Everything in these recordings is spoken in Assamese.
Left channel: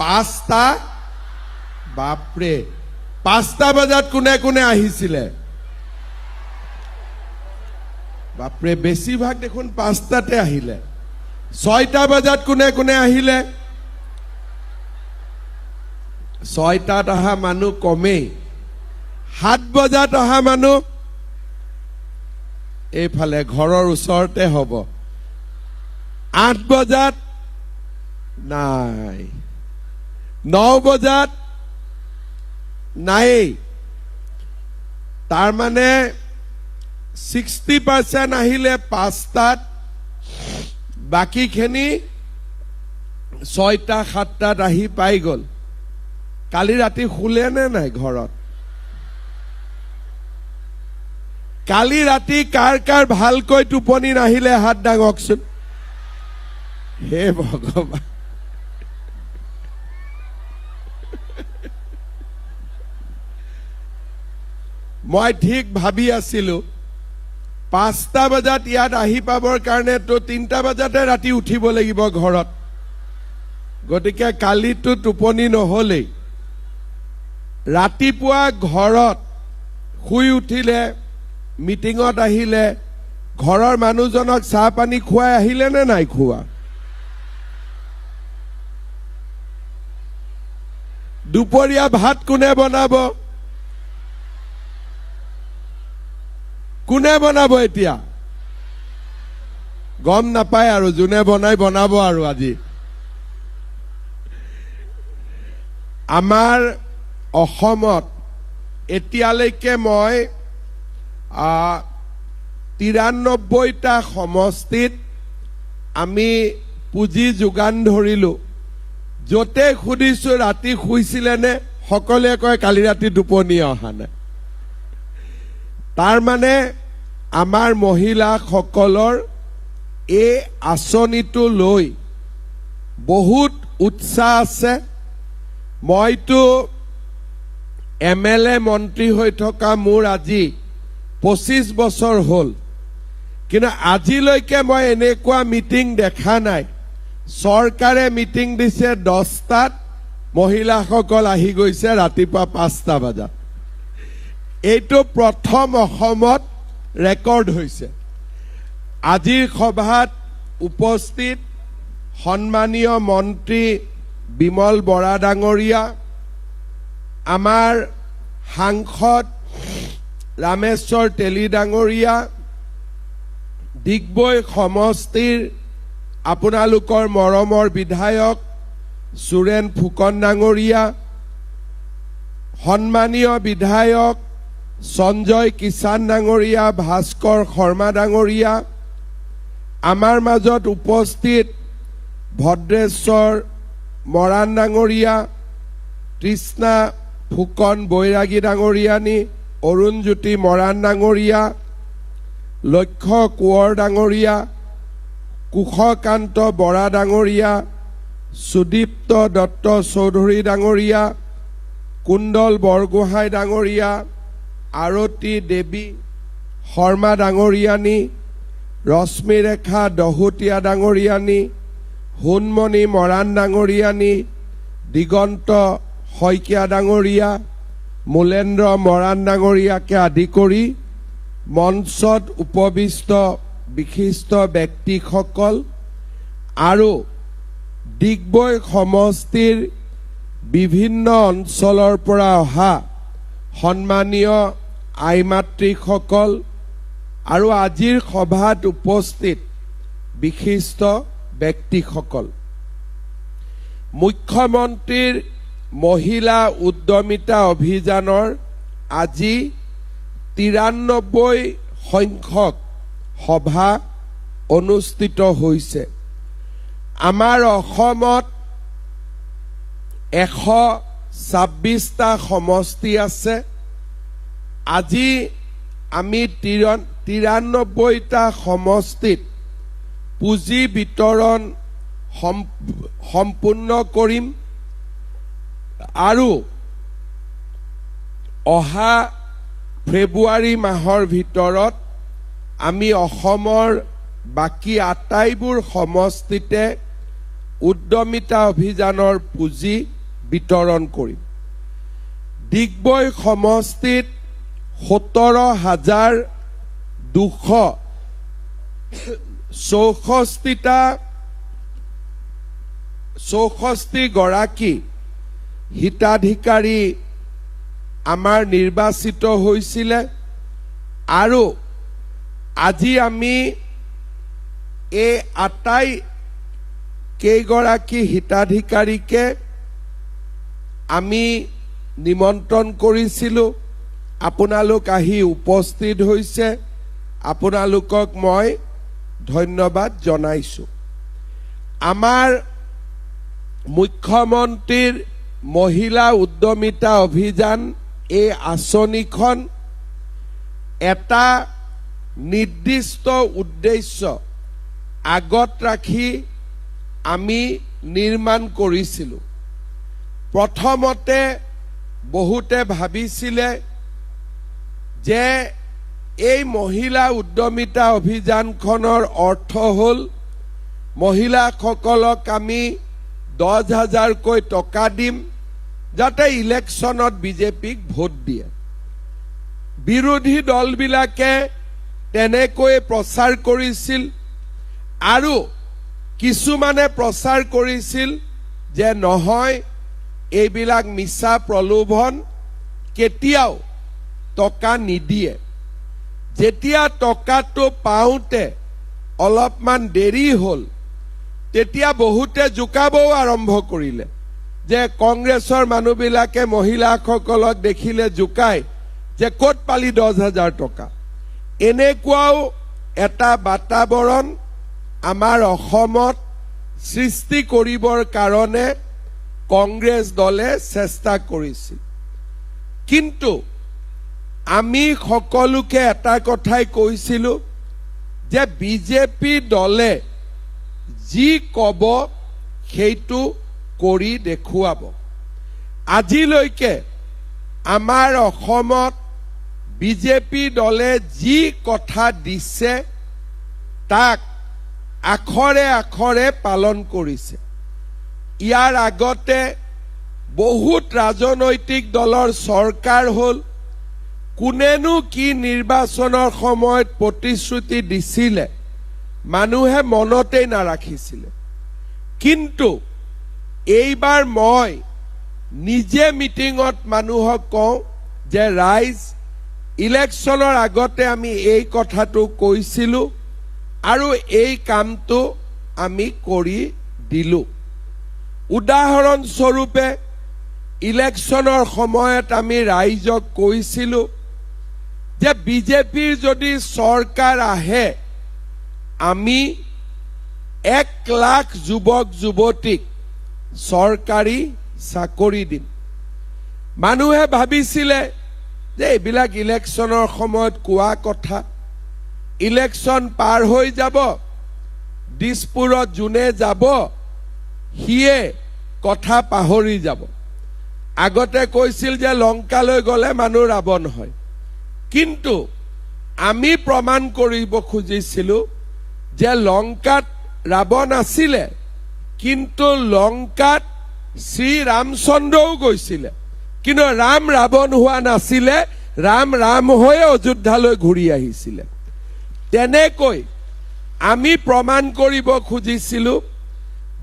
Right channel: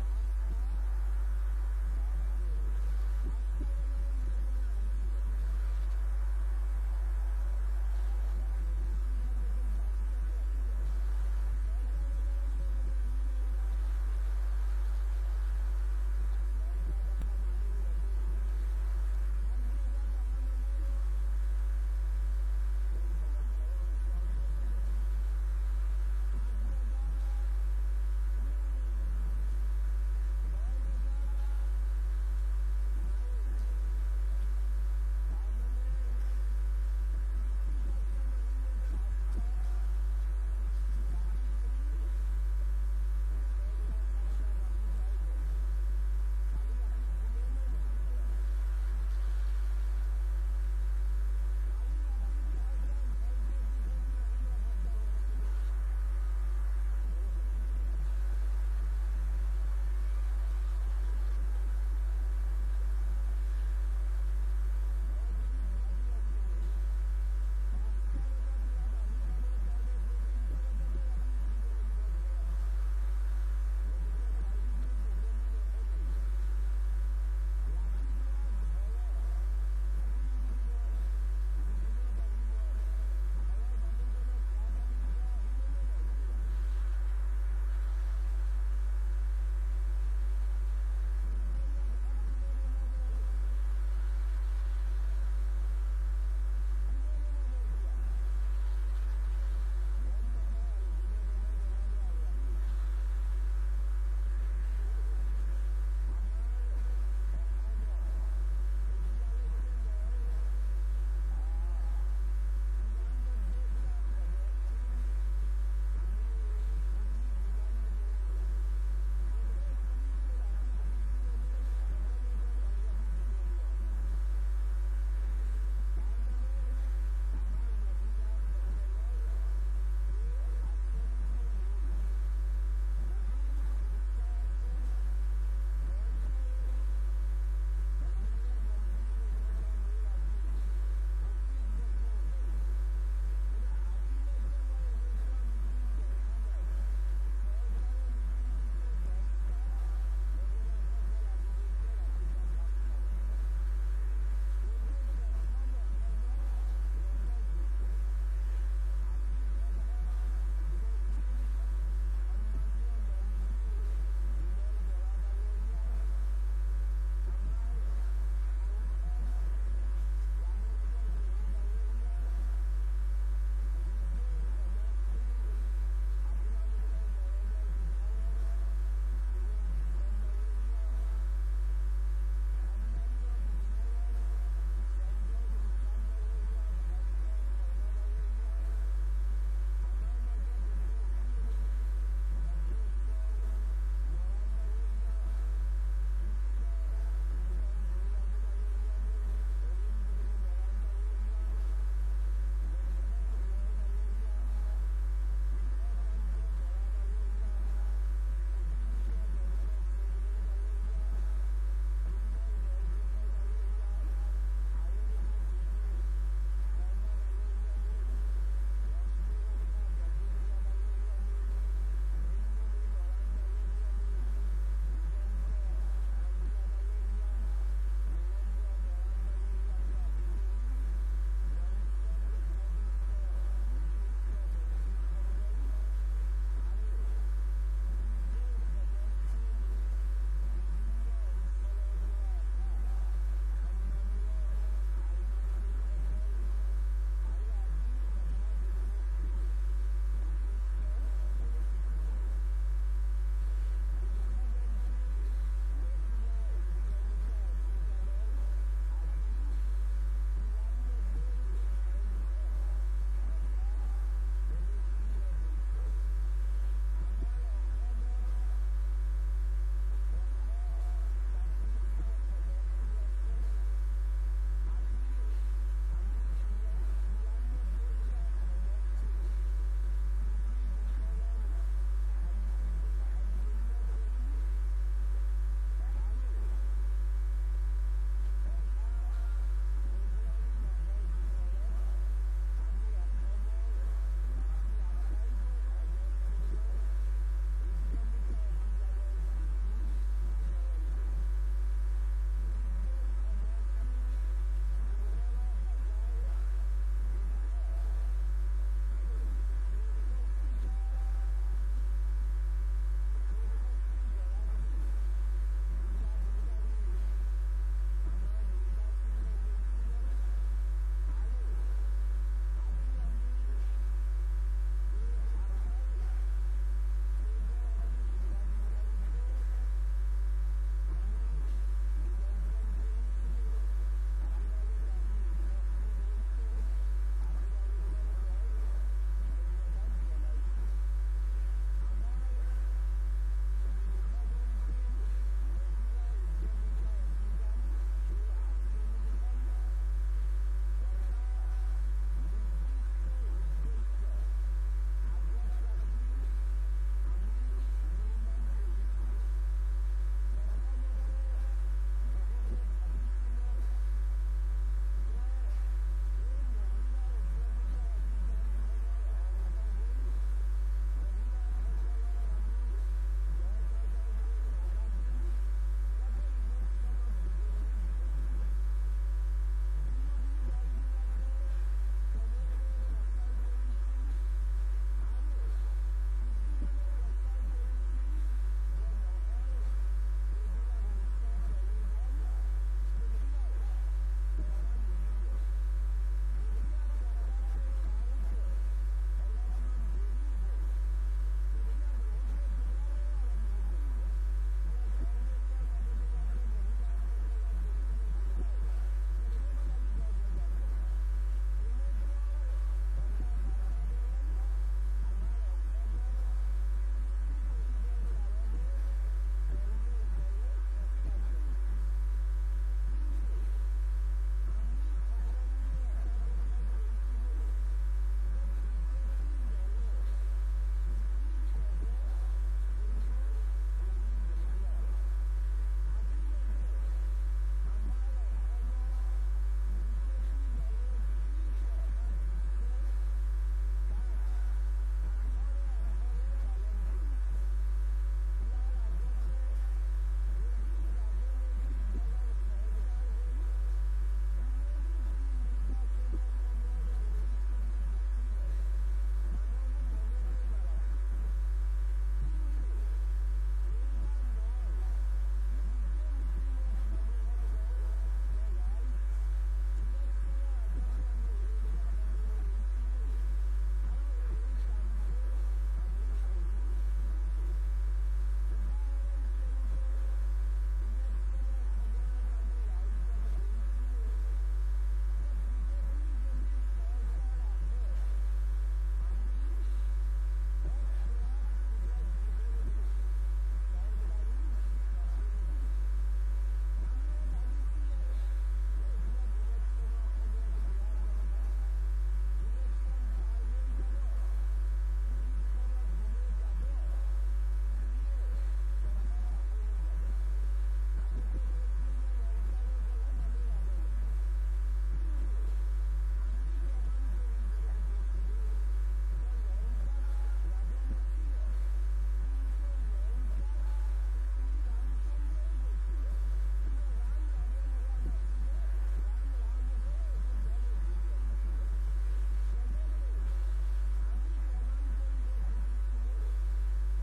5টা বাপৰে 5টা বজাত কোনে কোনে আহিছিলে বাপৰে বেছিভাগ দেখোন 5টাতে আহিলে 6টা বজাত কোনে কোনে আহিলে 6টাত অহা মানুহ কমেই 7 বজাত অহা মানুহ এইফালে ঘৰৰ ওচৰতে হ'ব 8 বজাত নাই 9 বজাত নাই তাৰ মানে 60% আহিলে 5টাত বাকিখিনি 6টা 7টাত আহি পাই গ'ল কালি ৰাতি শুলে নে নাই ঘৰত কালি ৰাতি কাৰ কাৰ ভালকৈ টোপনি নাহিলে হাত দাঙকচোন হে ভগৱান মই ঠিক ভাবি আছিলো 5টা বজাত ইয়াত আহি পাবৰ কাৰণে তো 3টা বজাতে ৰাতি উঠিব লাগিব ঘৰত গতিকে কালিটো টোপনি নহলেই ৰাতিপুৱা ঘৰত শুই উঠিলে মিটিঙত আহিলে ঘৰৰ মানুহজনক চাহ পানী খুৱাই আহিলে নে নাই খুৱা দুপৰীয়া ভাত কোনে বনাব এতিয়া গম নাপায় আৰু যোনে বনাব আৰু আজি আমাৰ অসমত এতিয়ালৈকে মই 93টা সমষ্টিত আমি পুঁজি যোগান ধৰিলো যতে খুদিছো ৰাতি শুইছিলে নে সকলোৱে কয় কালি ৰাতি টোপনি অহা নাই তাৰ মানে আমাৰ মহিলাসকলৰ এই আঁচনিটো লৈ বহুত উৎসাহ আছে মইতো MLA মন্ত্ৰী হৈ থকা মোৰ আজি 25 বছৰ হ'ল কিন্তু আজিলৈকে মই এনেকুৱা মিটিং দেখা নাই চৰকাৰে মিটিং দিছে 10টাত মহিলাসকল আহি গৈছে ৰাতিপুৱা 5টা বজাত এইটো প্ৰথম অসমত ৰেকৰ্ড হৈছে আজিৰ সভাত উপস্থিত সন্মানীয় মন্ত্ৰী বিমল বৰা ডাঙৰীয়া আমাৰ সাংসদ ৰামেশ্বৰ তেলী ডাঙৰীয়া ডিগবৈ সমষ্টিৰ আপোনালোকৰ মৰমৰ বিধায়ক সুৰেন ফুকন ডাঙৰীয়া সন্মানীয় বিধায়ক সঞ্জয় কিষাণ ডাঙৰীয়া ভাস্কৰ শৰ্মা ডাঙৰীয়া আমাৰ মাজত উপস্থিত ভদ্ৰেশ্বৰ মৰাণ ডাঙৰীয়া তৃষ্ণা ফুকন বৈৰাগী ডাঙৰীয়ানী অৰুণজ্যোতি মৰাণ ডাঙৰীয়া লক্ষ্য কোঁৱৰ ডাঙৰীয়া কুশকান্ত বৰা ডাঙৰীয়া সুদীপ্ত দত্ত চৌধুৰী ডাঙৰীয়া কুণ্ডল বৰগোহাঁই ডাঙৰীয়া আৰতী দেৱী শৰ্মা ডাঙৰীয়ানী ৰশ্মিৰেখা দহোটীয়া ডাঙৰীয়ানী হুনমণি মৰাণ ডাঙৰীয়ানী দিগন্ত শইকীয়া ডাঙৰীয়া মূলেন্দ্ৰ মৰাণ ডাঙৰীয়াকে আদি কৰি মঞ্চত উপবিষ্ট বিশিষ্ট ব্যক্তিসকল আৰু ডিগবৈ সমষ্টিৰ বিভিন্ন অঞ্চলৰ পৰা অহা সন্মানীয় আইমাতৃসকল আৰু আজিৰ সভাত উপস্থিত বিশিষ্ট ব্যক্তিসকল মুখ্যমন্ত্ৰীৰ মহিলা উদ্যমিতা অভিযানৰ আজি 93 সংখ্যক সভা অনুষ্ঠিত হৈছে আমাৰ অসমত 126টা সমষ্টি আছে আজি আমি 93টা সমষ্টিত পুঁজি বিতৰণ সম্পূৰ্ণ কৰিম আৰু অহা ফেব্ৰুৱাৰী মাহৰ ভিতৰত আমি অসমৰ বাকি আটাইবোৰ সমষ্টিতে উদ্যমিতা অভিযানৰ পুঁজি বিতৰণ কৰিম। ডিগবৈ সমষ্টিত 17,264 গৰাকী হিতাধিকাৰী আমাৰ নিৰ্বাচিত হৈছিলে আৰু আজি আমি এই আটাই কেইগৰাকী হিতাধিকাৰীকে আমি নিমন্ত্ৰণ কৰিছিলোঁ। আপোনালোক আহি উপস্থিত হৈছে, আপোনালোকক মই ধন্যবাদ জনাইছোঁ। আমাৰ মুখ্যমন্ত্ৰীৰ মহিলা উদ্যমিতা অভিযান এই আঁচনিখন এটা নিৰ্দিষ্ট উদ্দেশ্য আগত ৰাখি আমি নিৰ্মাণ কৰিছিলোঁ। প্ৰথমতে বহুতে ভাবিছিলে যে এই মহিলা উদ্যমিতা অভিযানখনৰ অৰ্থ হ'ল মহিলাসকলক আমি 10,000কৈ টকা দিম যাতে ইলেকশ্যনত বিজেপিক ভোট দিয়ে। বিৰোধী দলবিলাকে তেনেকৈ প্ৰচাৰ কৰিছিল আৰু কিছুমানে প্ৰচাৰ কৰিছিল যে নহয়, এইবিলাক মিছা প্ৰলোভন, কেতিয়াও টকা নিদিয়ে। যেতিয়া টকাটো পাওঁতে অলপমান দেৰি হ'ল, তেতিয়া বহুতে জোকাবও আৰম্ভ কৰিলে যে কংগ্ৰেছৰ মানুহবিলাকে মহিলাসকলক দেখিলে জোকায় যে ক'ত পালি 10,000 টকা। এনেকুৱাও এটা বাতাবৰণ আমাৰ অসমত সৃষ্টি কৰিবৰ কাৰণে কংগ্ৰেছ দলে চেষ্টা কৰিছিল। কিন্তু আমি সকলোকে এটা কথাই কৈছিলোঁ যে বিজেপি দলে যি ক'ব সেইটো কৰি দেখুৱাব। আজিলৈকে আমাৰ অসমত বিজেপি দলে যি কথা দিছে তাক আখৰে আখৰে পালন কৰিছে। ইয়াৰ আগতে বহুত ৰাজনৈতিক দলৰ চৰকাৰ হ'ল, কোনেনো কি নিৰ্বাচনৰ সময়ত প্ৰতিশ্ৰুতি দিছিলে মানুহে মনতেই নাৰাখিছিলে। কিন্তু এইবাৰ মই নিজে মিটিঙত মানুহক কওঁ যে ৰাইজ, ইলেকশ্যনৰ আগতে আমি এই কথাটো কৈছিলোঁ আৰু এই কামটো আমি কৰি দিলোঁ। উদাহৰণস্বৰূপে ইলেকশ্যনৰ সময়ত আমি ৰাইজক কৈছিলোঁ যে বিজেপিৰ যদি চৰকাৰ আহে আমি 1 লাখ যুৱক যুৱতীক চৰকাৰী চাকৰি দিম। মানুহে ভাবিছিলে যে এইবিলাক ইলেকশ্যনৰ সময়ত কোৱা কথা, ইলেকশ্যন পাৰ হৈ যাব, দিছপুৰত যোনে যাব সিয়ে কথা পাহৰি যাব। আগতে কৈছিল যে লংকালৈ গ'লে মানুহ ৰাৱণ হয়, কিন্তু আমি প্ৰমাণ কৰিব খুজিছিলোঁ যে লংকাত ৰাৱণ আছিলে, কিন্তু লংকাত শ্ৰী ৰামচন্দ্ৰও গৈছিলে, কিন্তু ৰাম ৰাৱণ হোৱা নাছিলে, ৰাম ৰাম হৈয়ে অযোধ্যালৈ ঘূৰি আহিছিলে। তেনেকৈ আমি প্ৰমাণ কৰিব খুজিছিলোঁ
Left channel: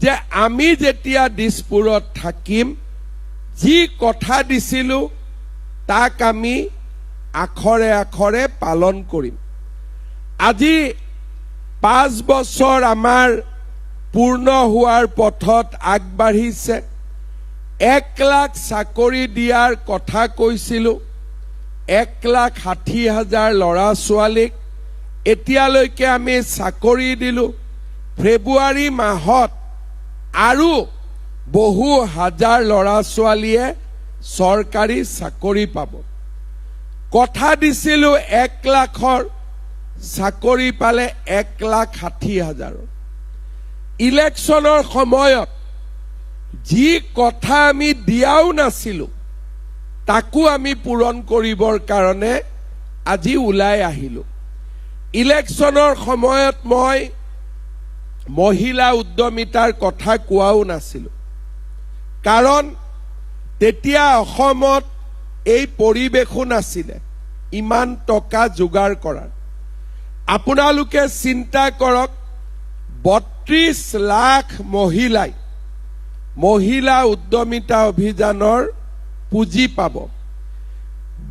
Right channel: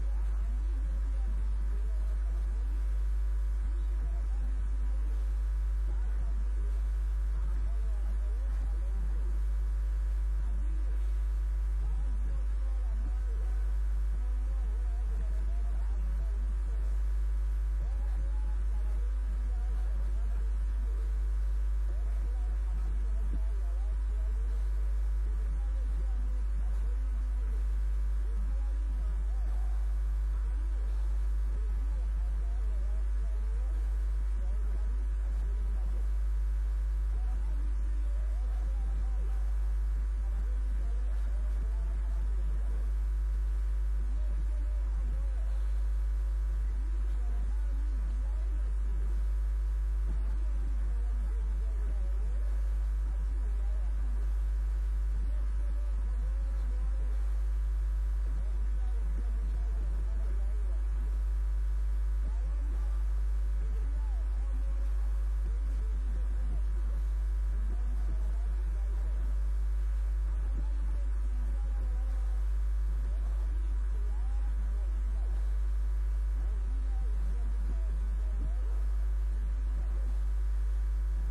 যে আমি যেতিয়া দিছপুৰত থাকিম, যি কথা দিছিলোঁ তাক আমি আখৰে আখৰে পালন কৰিম। আজি 5 বছৰ আমাৰ পূৰ্ণ হোৱাৰ পথত আগবাঢ়িছে। 1 লাখ চাকৰি দিয়াৰ কথা কৈছিলোঁ, 1,60,000 ল'ৰা ছোৱালীক এতিয়ালৈকে আমি চাকৰি দিলোঁ। ফেব্ৰুৱাৰী মাহত আৰু বহু হাজাৰ ল'ৰা ছোৱালীয়ে চৰকাৰী চাকৰি পাব। কথা দিছিলোঁ 1 লাখৰ, চাকৰি পালে 1,60,000। ইলেকশ্যনৰ সময়ত যি কথা আমি দিয়াও নাছিলোঁ তাকো আমি পূৰণ কৰিবৰ কাৰণে আজি ওলাই আহিলোঁ। ইলেকশ্যনৰ সময়ত মই মহিলা উদ্যমিতাৰ কথা কোৱাও নাছিলোঁ, কাৰণ তেতিয়া অসমত এই পৰিৱেশো নাছিলে ইমান টকা যোগাৰ কৰাৰ। আপোনালোকে চিন্তা কৰক, ৩২ লাখ মহিলাই মহিলা উদ্যমিতা অভিযানৰ পুঁজি পাব।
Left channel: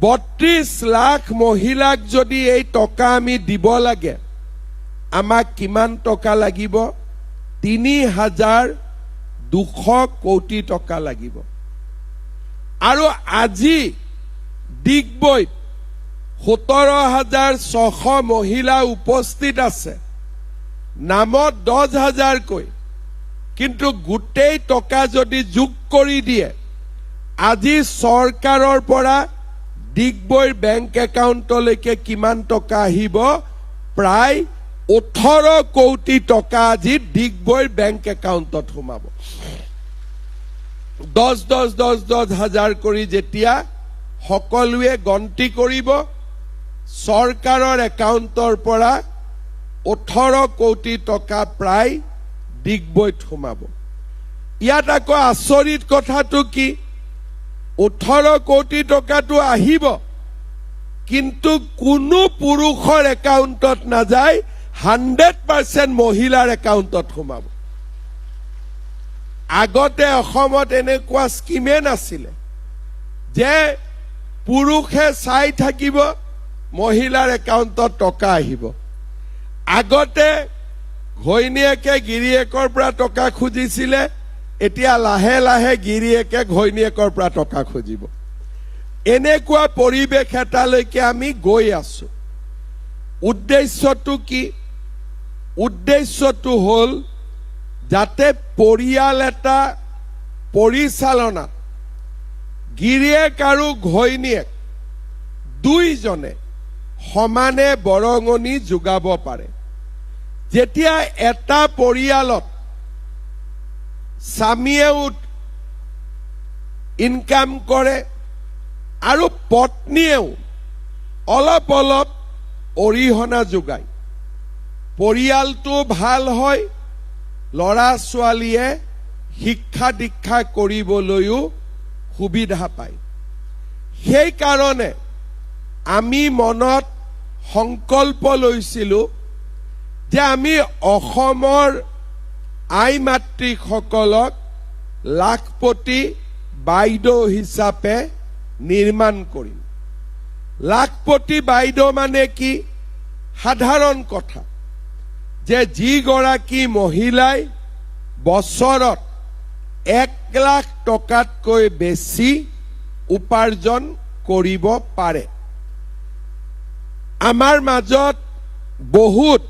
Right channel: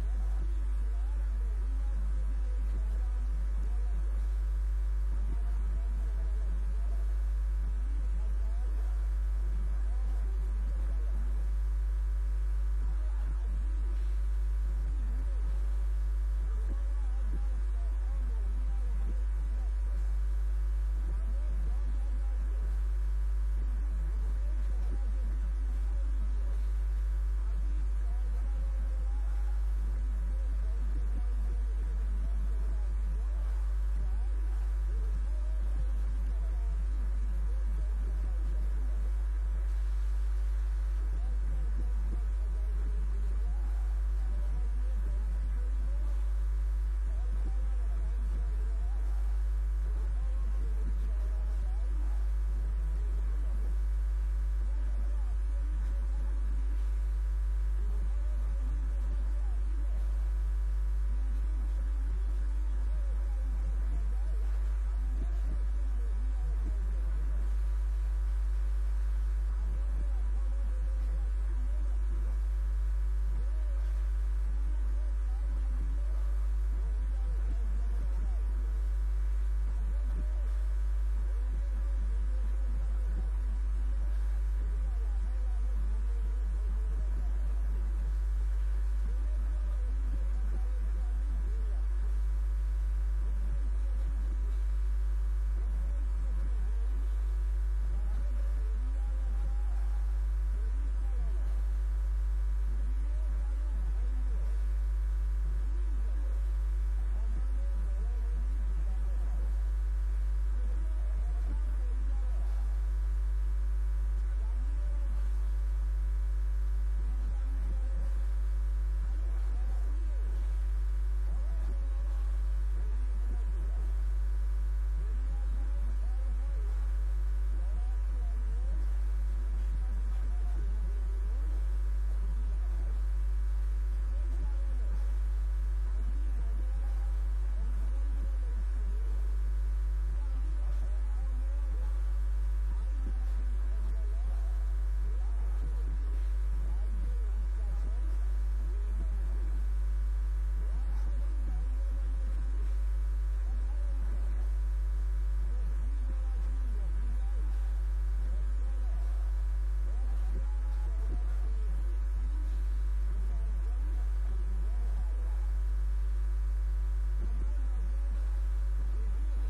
৩২ লাখ মহিলাক যদি এই টকা আমি দিব লাগে, আমাক কিমান টকা লাগিব? ৩,২০০ কোটি টকা লাগিব। আৰু আজি ডিগবৈত ১৭,৬০০ মহিলা উপস্থিত আছে, নামত 10,000কৈ, কিন্তু গোটেই টকা যদি যোগ কৰি দিয়ে, আজি চৰকাৰৰ পৰা ডিগবৈৰ বেংক একাউণ্টলৈকে কিমান টকা আহিব? প্ৰায় 18 কোটি টকা আজি ডিগবৈৰ বেংক একাউণ্টত সোমাব। 10,000 কৰি যেতিয়া সকলোৱে গন্তি কৰিব, চৰকাৰৰ একাউণ্টৰ পৰা 18 কোটি টকা প্ৰায় ডিগবৈত সোমাব। ইয়াত আকৌ আচৰিত কথাটো কি, 18 কোটি টকাটো আহিব, কিন্তু কোনো পুৰুষৰ একাউণ্টত নাযায়, 100% মহিলাৰ একাউণ্টত সোমাব। আগতে অসমত এনেকুৱা স্কিমে নাছিলে যে পুৰুষে চাই থাকিব, মহিলাৰ একাউণ্টত টকা আহিব। আগতে ঘৈণীয়েকে গিৰিয়েকৰ পৰা টকা খুজিছিলে, এতিয়া লাহে লাহে গিৰিয়েকে ঘৈণীয়েকৰ পৰা টকা খুজিব। এনেকুৱা পৰিৱেশ এটালৈকে আমি গৈ আছো। উদ্দেশ্যটো কি? উদ্দেশ্যটো হ'ল যাতে পৰিয়াল এটা পৰিচালনাত গিৰিয়েক আৰু ঘৈণীয়েক দুইজনে সমানে বৰঙণি যোগাব পাৰে। যেতিয়া এটা পৰিয়ালত স্বামীয়েও ইনকাম কৰে আৰু পত্নীয়েও অলপ অলপ অৰিহণা যোগায়, পৰিয়ালটো ভাল হয়, ল'ৰা ছোৱালীয়ে শিক্ষা দীক্ষা কৰিবলৈও সুবিধা পায়। সেইকাৰণে আমি মনত সংকল্প লৈছিলোঁ যে আমি অসমৰ আই মাতৃসকলক লাখপতি বাইদেউ হিচাপে নিৰ্মাণ কৰিম। লাখপতি বাইদেউ মানে কি? সাধাৰণ কথা যে যিগৰাকী মহিলাই বছৰত 1 লাখ টকাতকৈ বেছি উপাৰ্জন কৰিব পাৰে। আমাৰ মাজত বহুত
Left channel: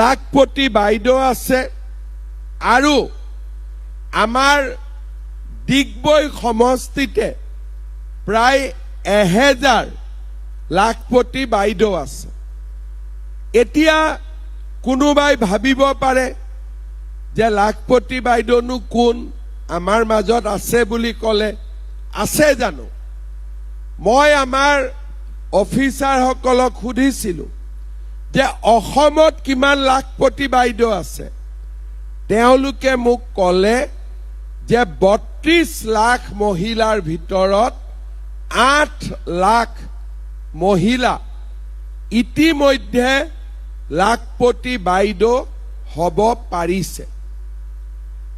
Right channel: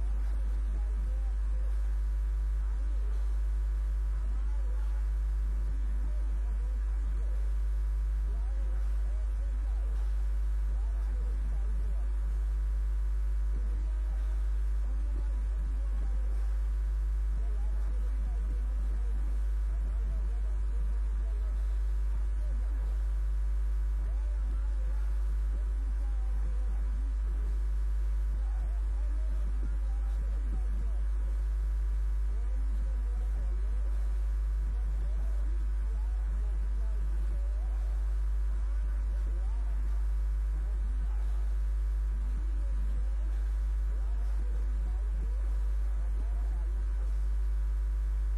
লাখপতি বাইদেউ আছে, আৰু আমাৰ ডিগবৈ সমষ্টিতে প্ৰায় 1000 লাখপতি বাইদেউ আছে। এতিয়া কোনোবাই ভাবিব পাৰে যে লাখপতি বাইদেউনো কোন? আমাৰ মাজত আছে বুলি ক'লে আছে জানো? মই আমাৰ অফিচাৰসকলক সুধিছিলোঁ যে অসমত কিমান লাখপতি বাইদেউ আছে। তেওঁলোকে মোক ক'লে যে 32 লাখ মহিলাৰ ভিতৰত 8 লাখ মহিলা ইতিমধ্যে লাখপতি বাইদেউ হ'ব পাৰিছে।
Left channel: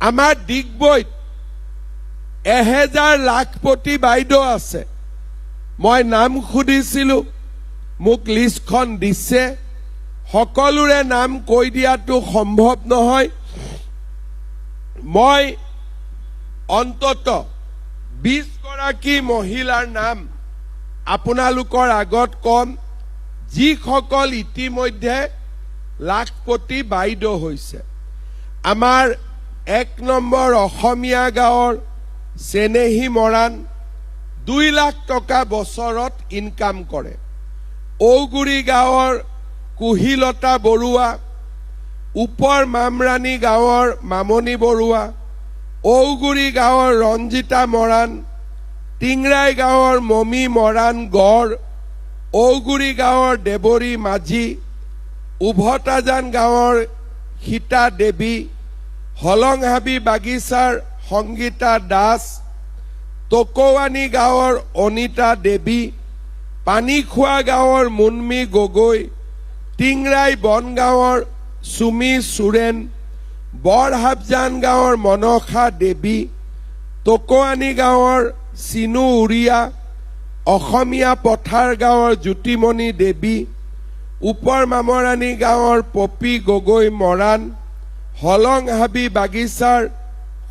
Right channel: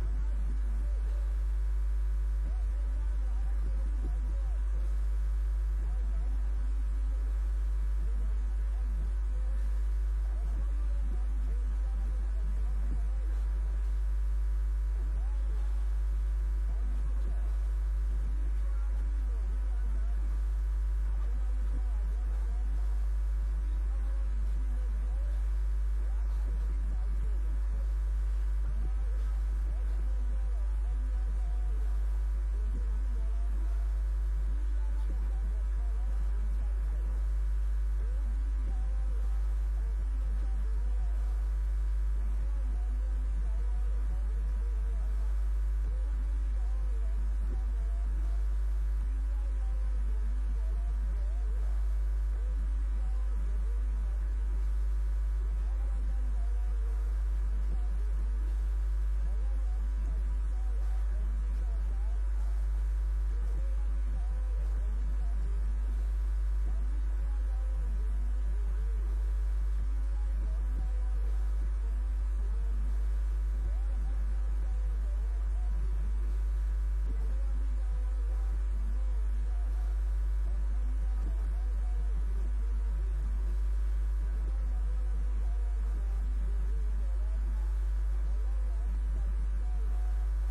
আমাৰ ডিগবৈত 1000 লাখপতি বাইদেউ আছে। মই নাম সুধিছিলোঁ, মোক লিষ্টখন দিছে। সকলোৰে নাম কৈ দিয়াটো সম্ভৱ নহয়। মই অন্তত 20 গৰাকী মহিলাৰ নাম আপোনালোকৰ আগত কম, যিসকল ইতিমধ্যে লাখপতি বাইদেউ হৈছে। আমাৰ 1 নম্বৰ অসমীয়া গাঁৱৰ চেনেহী মৰাণ 2 লাখ টকা বছৰত ইনকাম কৰে। ঔগুৰি গাঁৱৰ কুহিলতা বৰুৱা, ওপৰ মামৰাণী গাঁৱৰ মামনি বৰুৱা, ঔগুৰি গাঁৱৰ ৰঞ্জিতা মৰাণ, টিংৰাই গাঁৱৰ মমী মৰাণ গড়, ঔগুৰি গাঁৱৰ দেৱৰী মাঝি, উভতাজান গাঁৱৰ সীতা দেৱী, হলংহাবি বাগিচাৰ সংগীতা দাস, টকৌৱানী গাঁৱৰ অনিতা দেৱী, পানীখোৱা গাঁৱৰ মুনমী গগৈ, টিংৰাই বনগাঁৱৰ সুমি সোৰেন, বৰহাবজান গাঁৱৰ মনসা দেৱী, টকৌৱানী গাঁৱৰ চিনু উৰিয়া, অসমীয়া পথাৰ গাঁৱৰ জ্যোতিমণি দেৱী, ওপৰ মামৰাণী গাঁৱৰ পপী গগৈ মৰাণ, হলংহাবি বাগিচাৰ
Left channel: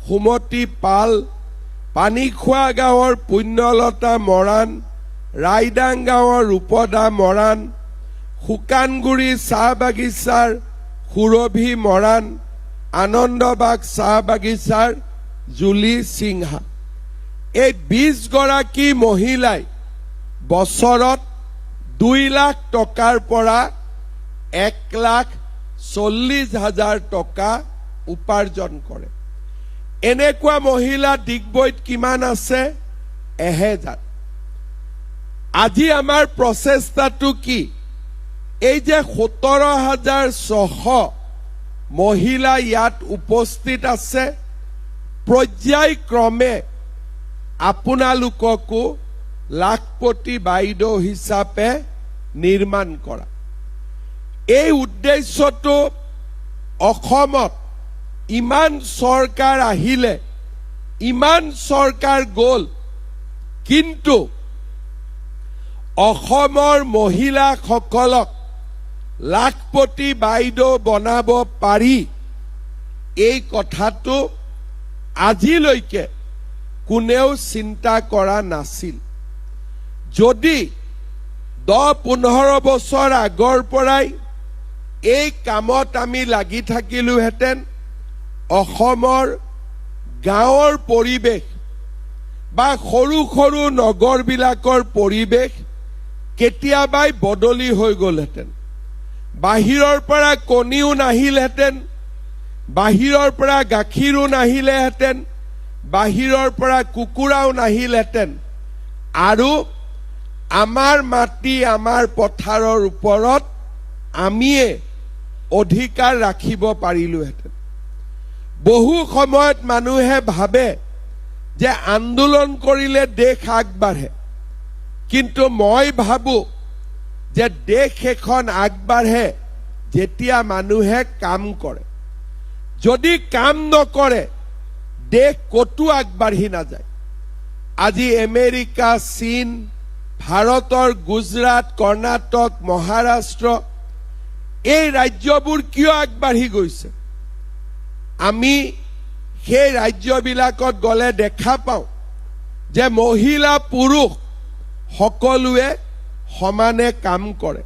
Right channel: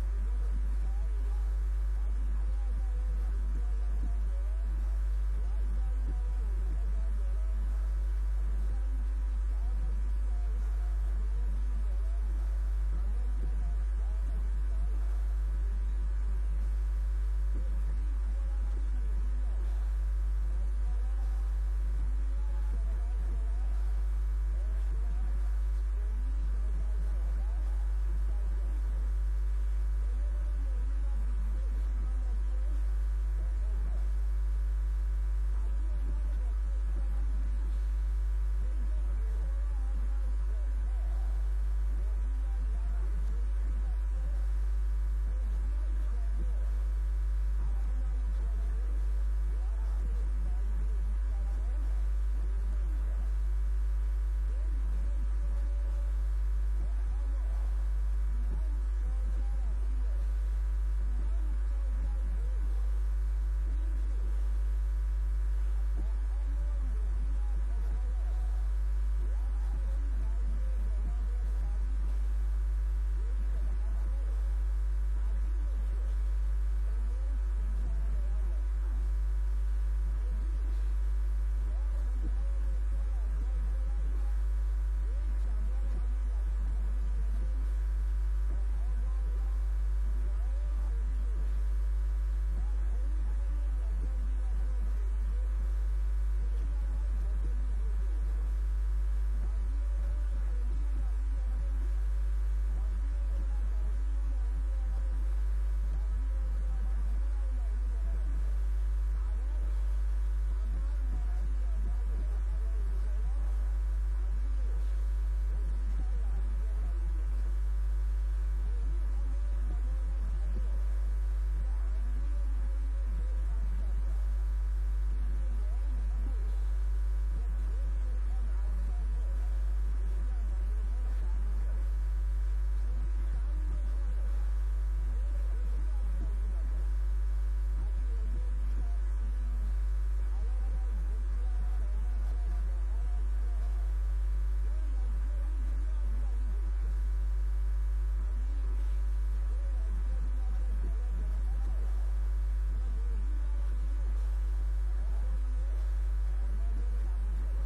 সুমতি পাল, পানীখোৱা গাঁৱৰ পুণ্যলতা মৰাণ, ৰাইদাং গাঁৱৰ ৰূপদা মৰাণ, শুকানগুৰি চাহ বাগিচাৰ সুৰভি মৰাণ, আনন্দবাগ চাহ বাগিচাৰ জুলি সিংহা। এই 20 গৰাকী মহিলাই বছৰত 2 লাখ টকাৰ পৰা 1,40,000 টকা উপাৰ্জন কৰে। এনেকুৱা মহিলা ডিগবৈত কিমান আছে? 1000। আজি আমাৰ প্ৰচেষ্টাটো কি? এই যে 17,600 মহিলা ইয়াত উপস্থিত আছে, পৰ্যায়ক্ৰমে আপোনালোককো লাখপতি বাইদেউ হিচাপে নিৰ্মাণ কৰা। এই উদ্দেশ্যটো অসমত ইমান চৰকাৰ আহিলে, ইমান চৰকাৰ গ'ল, কিন্তু অসমৰ মহিলাসকলক লাখপতি বাইদেউ বনাব পাৰি, এই কথাটো আজিলৈকে কোনেও চিন্তা কৰা নাছিল। যদি 10-15 বছৰ আগৰ পৰাই এই কামত আমি লাগি থাকিলোহেঁতেন, অসমৰ গাঁৱৰ পৰিৱেশ বা সৰু সৰু নগৰবিলাকৰ পৰিৱেশ কেতিয়াবাই বদলি হৈ গ'লহেঁতেন। বাহিৰৰ পৰা কণীও নাহিলহেঁতেন, বাহিৰৰ পৰা গাখীৰো নাহিলেহেঁতেন, বাহিৰৰ পৰা কুকুৰাও নাহিলহেঁতেন, আৰু আমাৰ মাটি আমাৰ পথাৰৰ ওপৰত আমিয়ে অধিকাৰ ৰাখিব পাৰিলোহেঁতেন। বহু সময়ত মানুহে ভাবে যে আন্দোলন কৰিলে দেশ আগবাঢ়ে, কিন্তু মই ভাবো যে দেশ এখন আগবাঢ়ে যেতিয়া মানুহে কাম কৰে। যদি কাম নকৰে দেশ কতো আগবাঢ়ি নাযায়। আজি আমেৰিকা, চীন, ভাৰতৰ গুজৰাট, কৰ্ণাটক, মহাৰাষ্ট্ৰ, এই ৰাজ্যবোৰ কিয় আগবাঢ়ি গৈছে? আমি সেই ৰাজ্যবিলাকত গ'লে দেখা পাওঁ যে মহিলা পুৰুষ সকলোৱে সমানে কাম কৰে।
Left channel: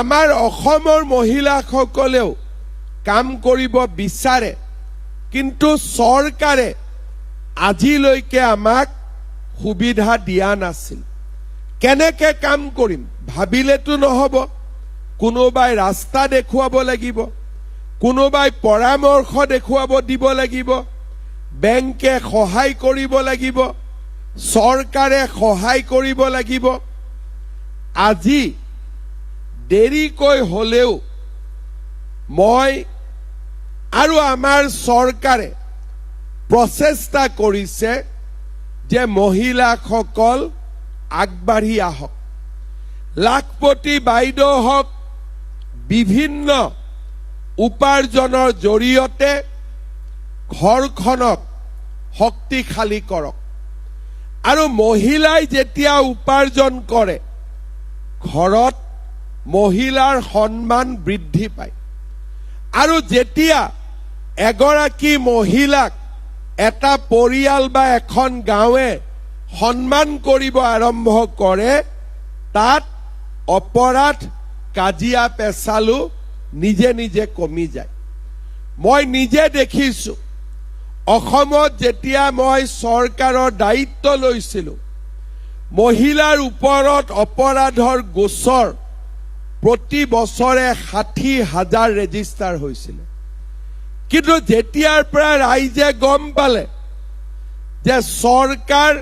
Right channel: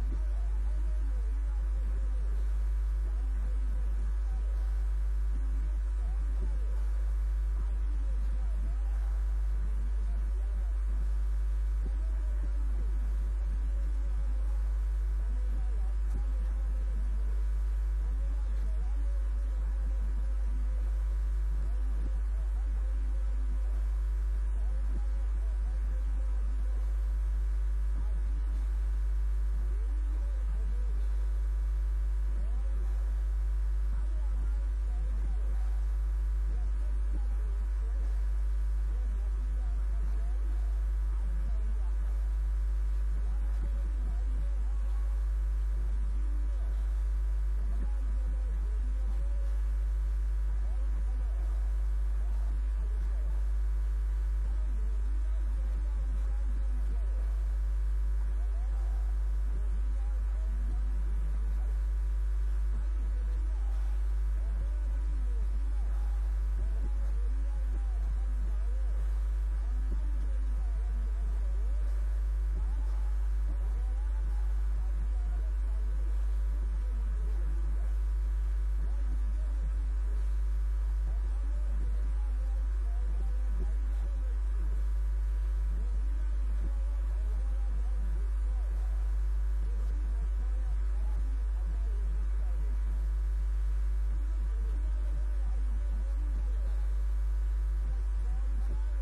আমাৰ অসমৰ মহিলাসকলেও কাম কৰিব বিচাৰে, কিন্তু চৰকাৰে আজিলৈকে আমাক সুবিধা দিয়া নাছিল। কেনেকে কাম কৰিম ভাবিলেতো নহ'ব। কোনোবাই ৰাস্তা দেখুৱাব লাগিব, কোনোবাই পৰামৰ্শ দেখুৱাব দিব লাগিব, বেংকে সহায় কৰিব লাগিব, চৰকাৰে সহায় কৰিব লাগিব। আজি দেৰিকৈ হ'লেও মই আৰু আমাৰ চৰকাৰে প্ৰচেষ্টা কৰিছে যে মহিলাসকল আগবাঢ়ি আহক। লাখপতি বাইদেউ হওক, বিভিন্ন উপাৰ্জনৰ জৰিয়তে ঘৰখনক শক্তিশালী কৰক। আৰু মহিলাই যেতিয়া উপাৰ্জন কৰে, ঘৰত মহিলাৰ সন্মান বৃদ্ধি পায়। আৰু যেতিয়া এগৰাকী মহিলাক এটা পৰিয়াল বা এখন গাঁৱে সন্মান কৰিব আৰম্ভ কৰে, তাত অপৰাধ, কাজিয়া পেচালো নিজে নিজে কমি যায়। মই নিজে দেখিছোঁ, অসমত যেতিয়া মই চৰকাৰৰ দায়িত্ব লৈছিলোঁ, মহিলাৰ ওপৰত অপৰাধৰ গোচৰ প্ৰতি বছৰে 60,000 ৰেজিষ্টাৰ হৈছিল। কিন্তু যেতিয়াৰ পৰা ৰাইজে গম পালে যে চৰকাৰ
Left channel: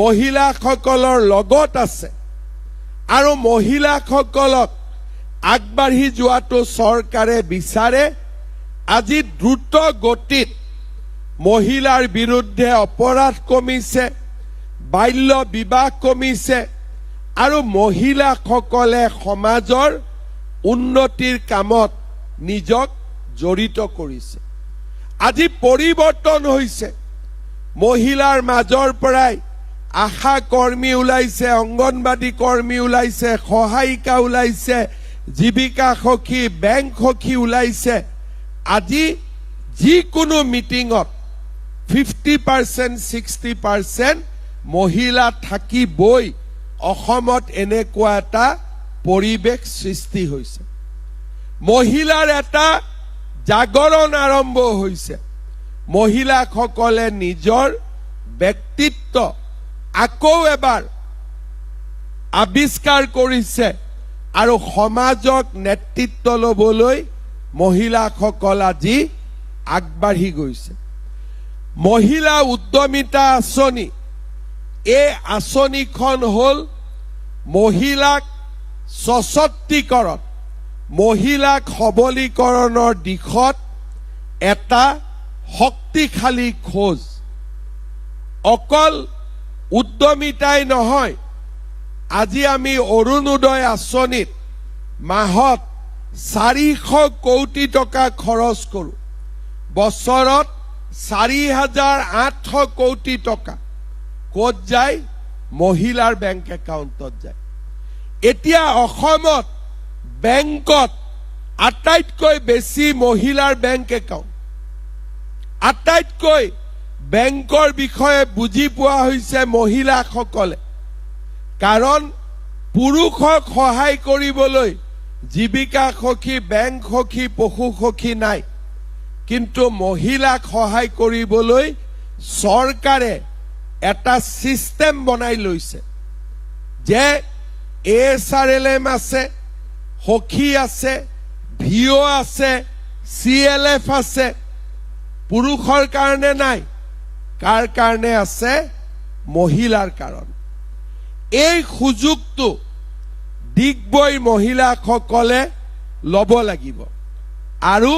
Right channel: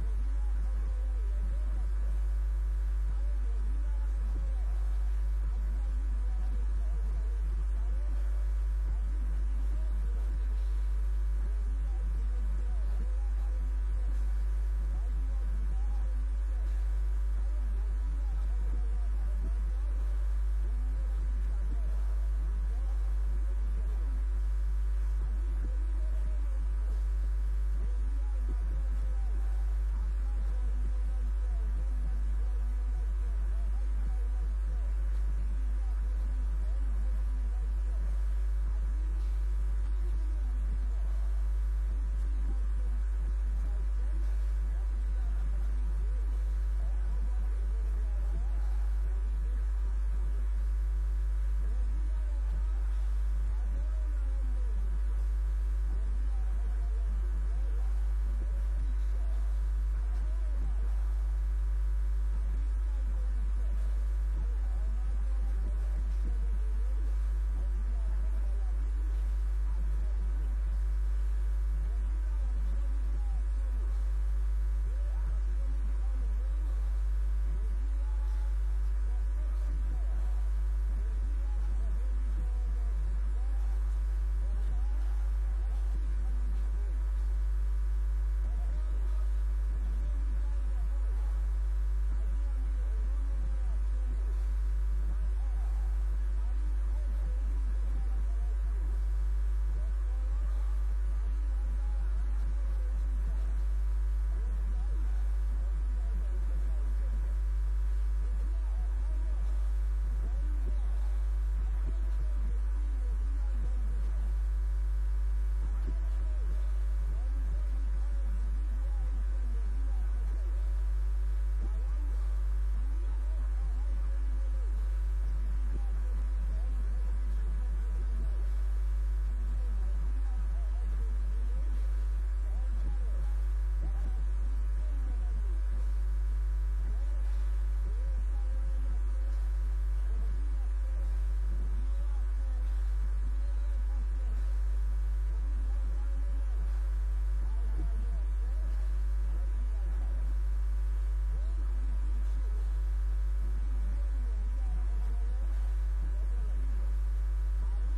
মহিলাসকলৰ লগত আছে আৰু মহিলাসকলক আগবাঢ়ি যোৱাটো চৰকাৰে বিচাৰে, আজি দ্ৰুত গতিত মহিলাৰ বিৰুদ্ধে অপৰাধ কমিছে, বাল্য বিবাহ কমিছে আৰু মহিলাসকলে সমাজৰ উন্নতিৰ কামত নিজক জড়িত কৰিছে। আজি পৰিৱৰ্তন হৈছে। মহিলাৰ মাজৰ পৰাই আশা কৰ্মী ওলাইছে, অংগনবাদী কৰ্মী ওলাইছে, সহায়িকা ওলাইছে, জীৱিকা সখী, বেংক সখী ওলাইছে। আজি যিকোনো মিটিঙত 50% 60% মহিলা থাকিবই। অসমত এনেকুৱা এটা পৰিৱেশ সৃষ্টি হৈছে। মহিলাৰ এটা জাগৰণ আৰম্ভ হৈছে। মহিলাসকলে নিজৰ ব্যক্তিত্ব আকৌ এবাৰ আৱিষ্কাৰ কৰিছে আৰু সমাজক নেতৃত্ব ল'বলৈ মহিলাসকল আজি আগবাঢ়ি গৈছে। মহিলা উদ্যমিতা আঁচনি, এই আঁচনিখন হ'ল মহিলাক সশক্তিকৰণ, মহিলাক সবলীকৰণৰ দিশত এটা শক্তিশালী খোজ। অকল উদ্যমিতাই নহয়, আজি আমি অৰুণোদয় আঁচনিত মাহত 400 কোটি টকা খৰচ কৰোঁ। বছৰত 4,800 কোটি টকা ক'ত যায়? মহিলাৰ বেংক একাউণ্টত যায়। এতিয়া অসমত বেংকত আটাইতকৈ বেছি মহিলাৰ বেংক একাউণ্ট। আটাইতকৈ বেংকৰ বিষয়ে বুজি পোৱা হৈছে মহিলাসকলে। কাৰণ পুৰুষক সহায় কৰিবলৈ জীৱিকা সখী, বেংক সখী, পশু সখী নাই। কিন্তু মহিলাক সহায় কৰিবলৈ চৰকাৰে এটা সিস্টেম বনাই লৈছে যে ASRLM আছে, সখী আছে, ভিঅ আছে, CLF আছে। পুৰুষৰ কাৰণে নাই, কাৰ কাৰণে আছে? মহিলাৰ কাৰণে। এই সুযোগটো দিগবৈ মহিলাসকলে ল'ব লাগিব আৰু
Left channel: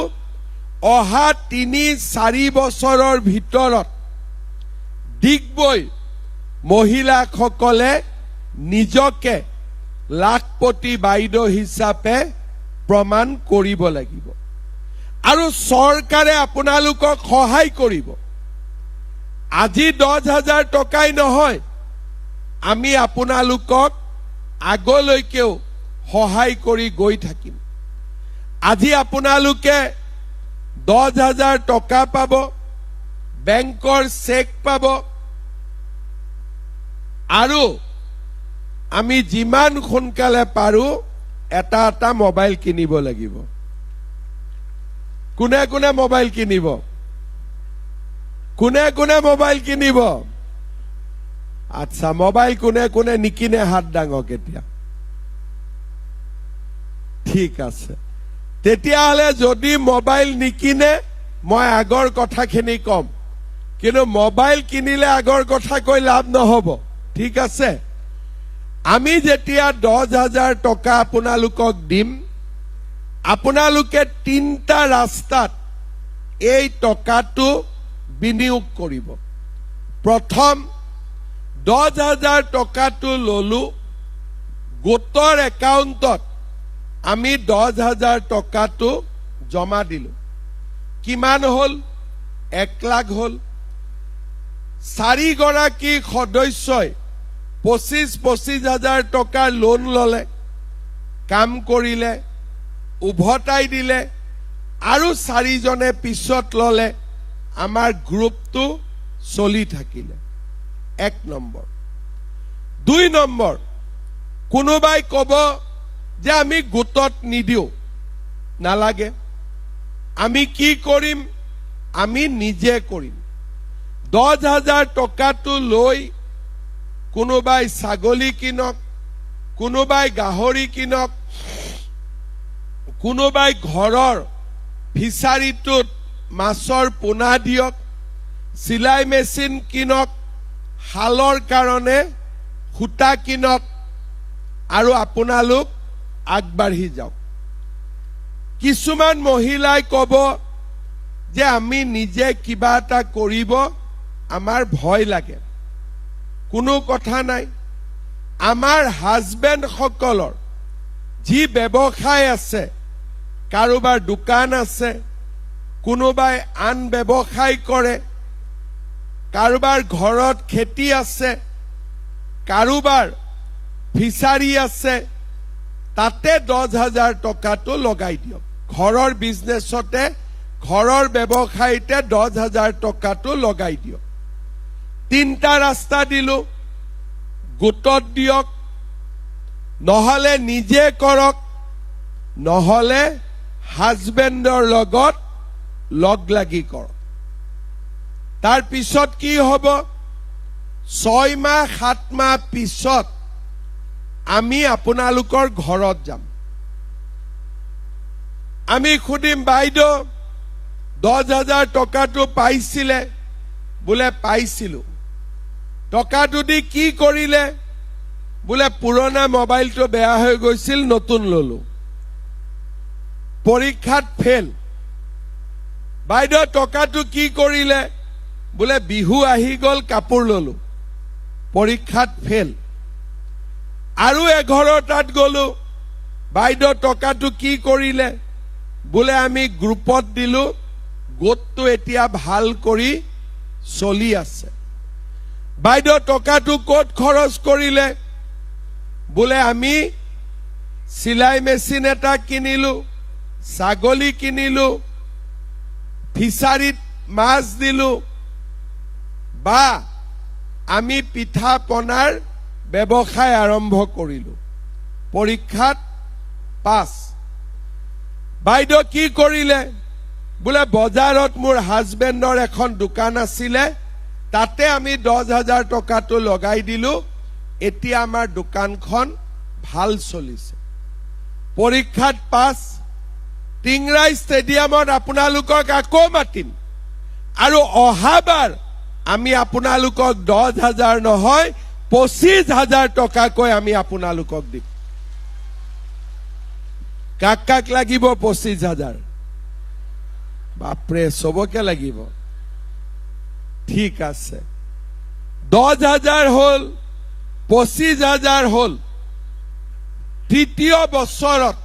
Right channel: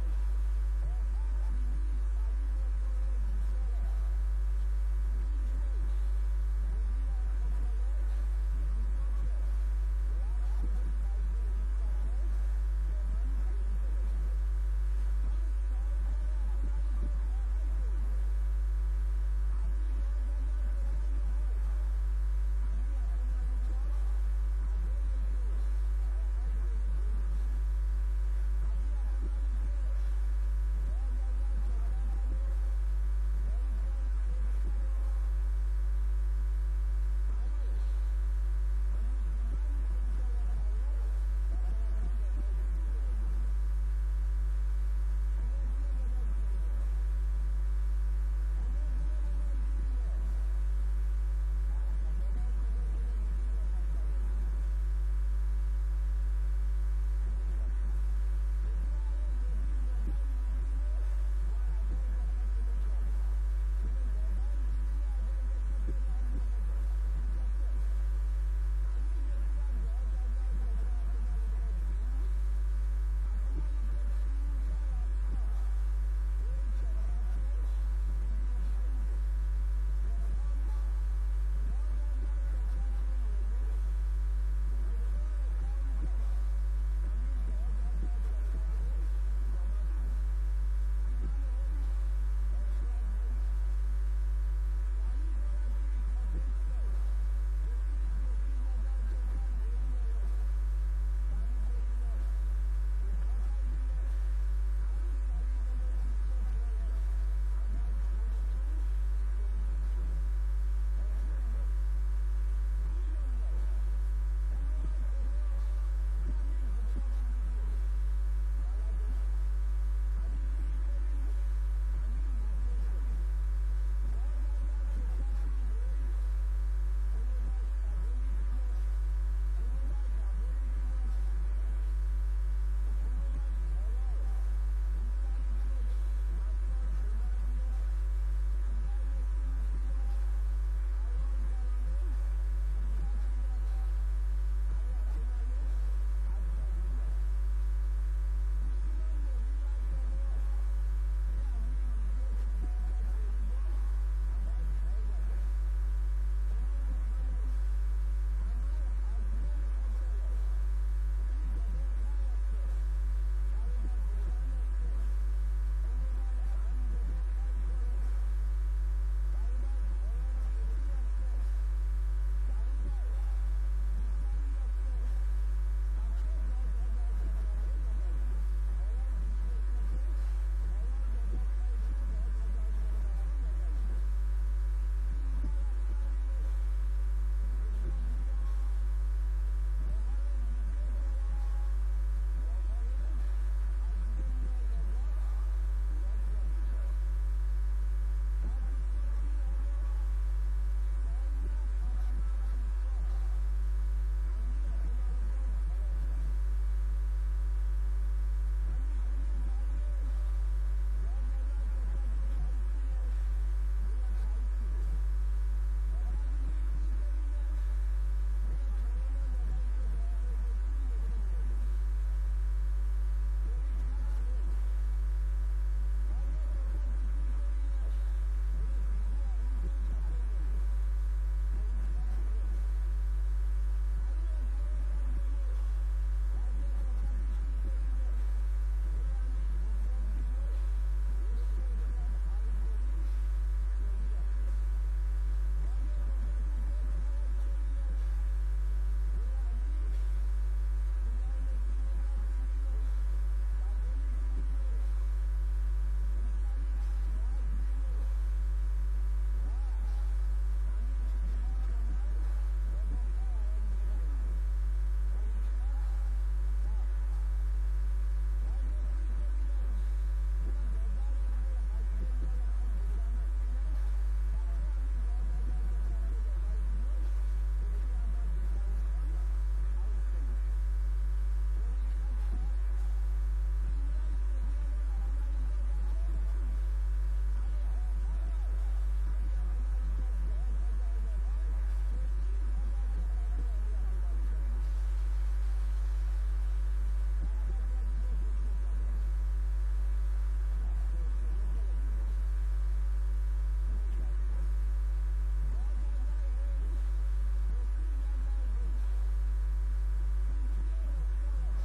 অহা 3-4 বছৰৰ ভিতৰত দিগবৈ মহিলাসকলে নিজকে লাখপতি বাইদেউ হিচাপে প্ৰমাণ কৰিব লাগিব আৰু চৰকাৰে আপোনালোকক সহায় কৰিব। আজি 10,000 টকাই নহয়, আমি আপোনালোকক আগলৈকেও সহায় কৰি গৈ থাকিম। আজি আপোনালোকে 10,000 টকা পাব, বেংকৰ চেক পাব আৰু আমি যিমান সোনকালে পাৰো এটা এটা মোবাইল কিনিব লাগিব। কোনে কোনে মোবাইল কিনিব? কোনে কোনে মোবাইল কিনিব? আচ্ছা, মোবাইল কোনে কোনে নিকিনে হাত ডাঙক এতিয়া। ঠিক আছে, তেতিয়াহ'লে যদি মোবাইল নিকিনে মই আগৰ কথাখিনি কম, কিন্তু মোবাইল কিনিলে আগৰ কথা কৈ লাভ নহ'ব। ঠিক আছে, আমি যেতিয়া 10,000 টকা আপোনালোকক দিম, আপোনালোকে 3টা ৰাস্তাত এই টকাটো বিনিয়োগ কৰিব। প্ৰথম 10,000 টকাটো ললো, গোটৰ একাউণ্টত আমি 10,000 টকাটো জমা দিলো। কিমান হ'ল? 1 লাখ হ'ল। 4 গৰাকী সদস্যই 25,000 টকাৰ লোন ললে, কাম কৰিলে, উভতাই দিলে আৰু 4 জনে পিছত ললে। আমাৰ গ্ৰুপটো চলি থাকিলে। 1 নম্বৰ। 2 নম্বৰ, কোনোবাই ক'ব যে আমি গোটত নিদিও, নালাগে। আমি কি কৰিম? আমি নিজে কৰিম। 10,000 টকাটো লৈ কোনোবাই ছাগলী কিনক, কোনোবাই গাহৰি কিনক, কোনোবাই ঘৰৰ ফিচাৰীটোত মাছৰ পোনা দিয়ক, চিলাই মেচিন কিনক, হালৰ কাৰণে সূতা কিনক আৰু আপোনালোক আগবাঢ়ি যাওক। কিছুমান মহিলাই ক'ব যে আমি নিজে কিবা এটা কৰিব আমাৰ ভয় লাগে কোনো কথা নাই আমাৰ হাজবেণ্ড সকলৰ যি ব্যৱসায় আছে কাৰোবাৰ দোকান আছে কোনোবাই আন ব্যৱসায় কৰে কাৰোবাৰ ঘৰত খেতি আছে কাৰোবাৰ ফিচাৰী আছে তাতে 10,000 টকাটো লগাই দিয়ক ঘৰৰ বিজনেছতে ঘৰৰ ব্যৱসায়তে 10,000 টকাটো লগাই দিয়ক তিনটা ৰাস্তা দিলো গোটত দিয়ক নহলে নিজে কৰক নহলে হাজবেণ্ডৰ লগত লগ লাগি কৰক তাৰ পিছত কি হ'ব 6 মাহ 7 মাহ পিছত আমি আপোনালোকৰ ঘৰত যাম আমি খুদিম বাইদেউ 10,000 টকাটো পাইছিলে বোলে পাইছিলো টকাটো দি কি কৰিলে বোলে পুৰণা মোবাইলটো বেয়া হৈ গৈছিল নতুন ললো পৰীক্ষাত ফেল বাইদেউ টকাটো কি কৰিলে বোলে বিহু আহি গল কাপোৰ ললো পৰীক্ষাত ফেল আৰু এঘৰৰ তাত গলো বাইদেউ টকাটো কি কৰিলে বোলে আমি গ্ৰুপত দিলো গোটটো এতিয়া ভাল কৰি চলি আছে বাইদেউ টকাটো ক'ত খৰচ কৰিলে বোলে আমি সিলাই মেচিন এটা কিনিলো ছাগলী কিনিলো ফিচাৰীত মাছ দিলো বা আমি পিঠা পনাৰ ব্যৱসায় আৰম্ভ কৰিলো পৰীক্ষাত পাছ বাইদেউ কি কৰিলে বোলে বজাৰত মোৰ হাজবেণ্ডৰ এখন দোকান আছিলে তাতে আমি 10,000 টকাটো লগাই দিলো এতিয়া আমাৰ দোকানখন ভাল চলিছে পৰীক্ষাত পাছ টিংৰাই ষ্টেডিয়ামত আপোনালোকক আকৌ মাতিম আৰু অহাবাৰ আমি আপোনালোকক 10,000 নহয় 25,000 টকাকৈ আমি আপোনালোকক দিম কাক লাগিব 25,000 বাপৰে সবকে লাগিব ঠিক আছে 10,000 হল 25,000 হল তৃতীয় বছৰত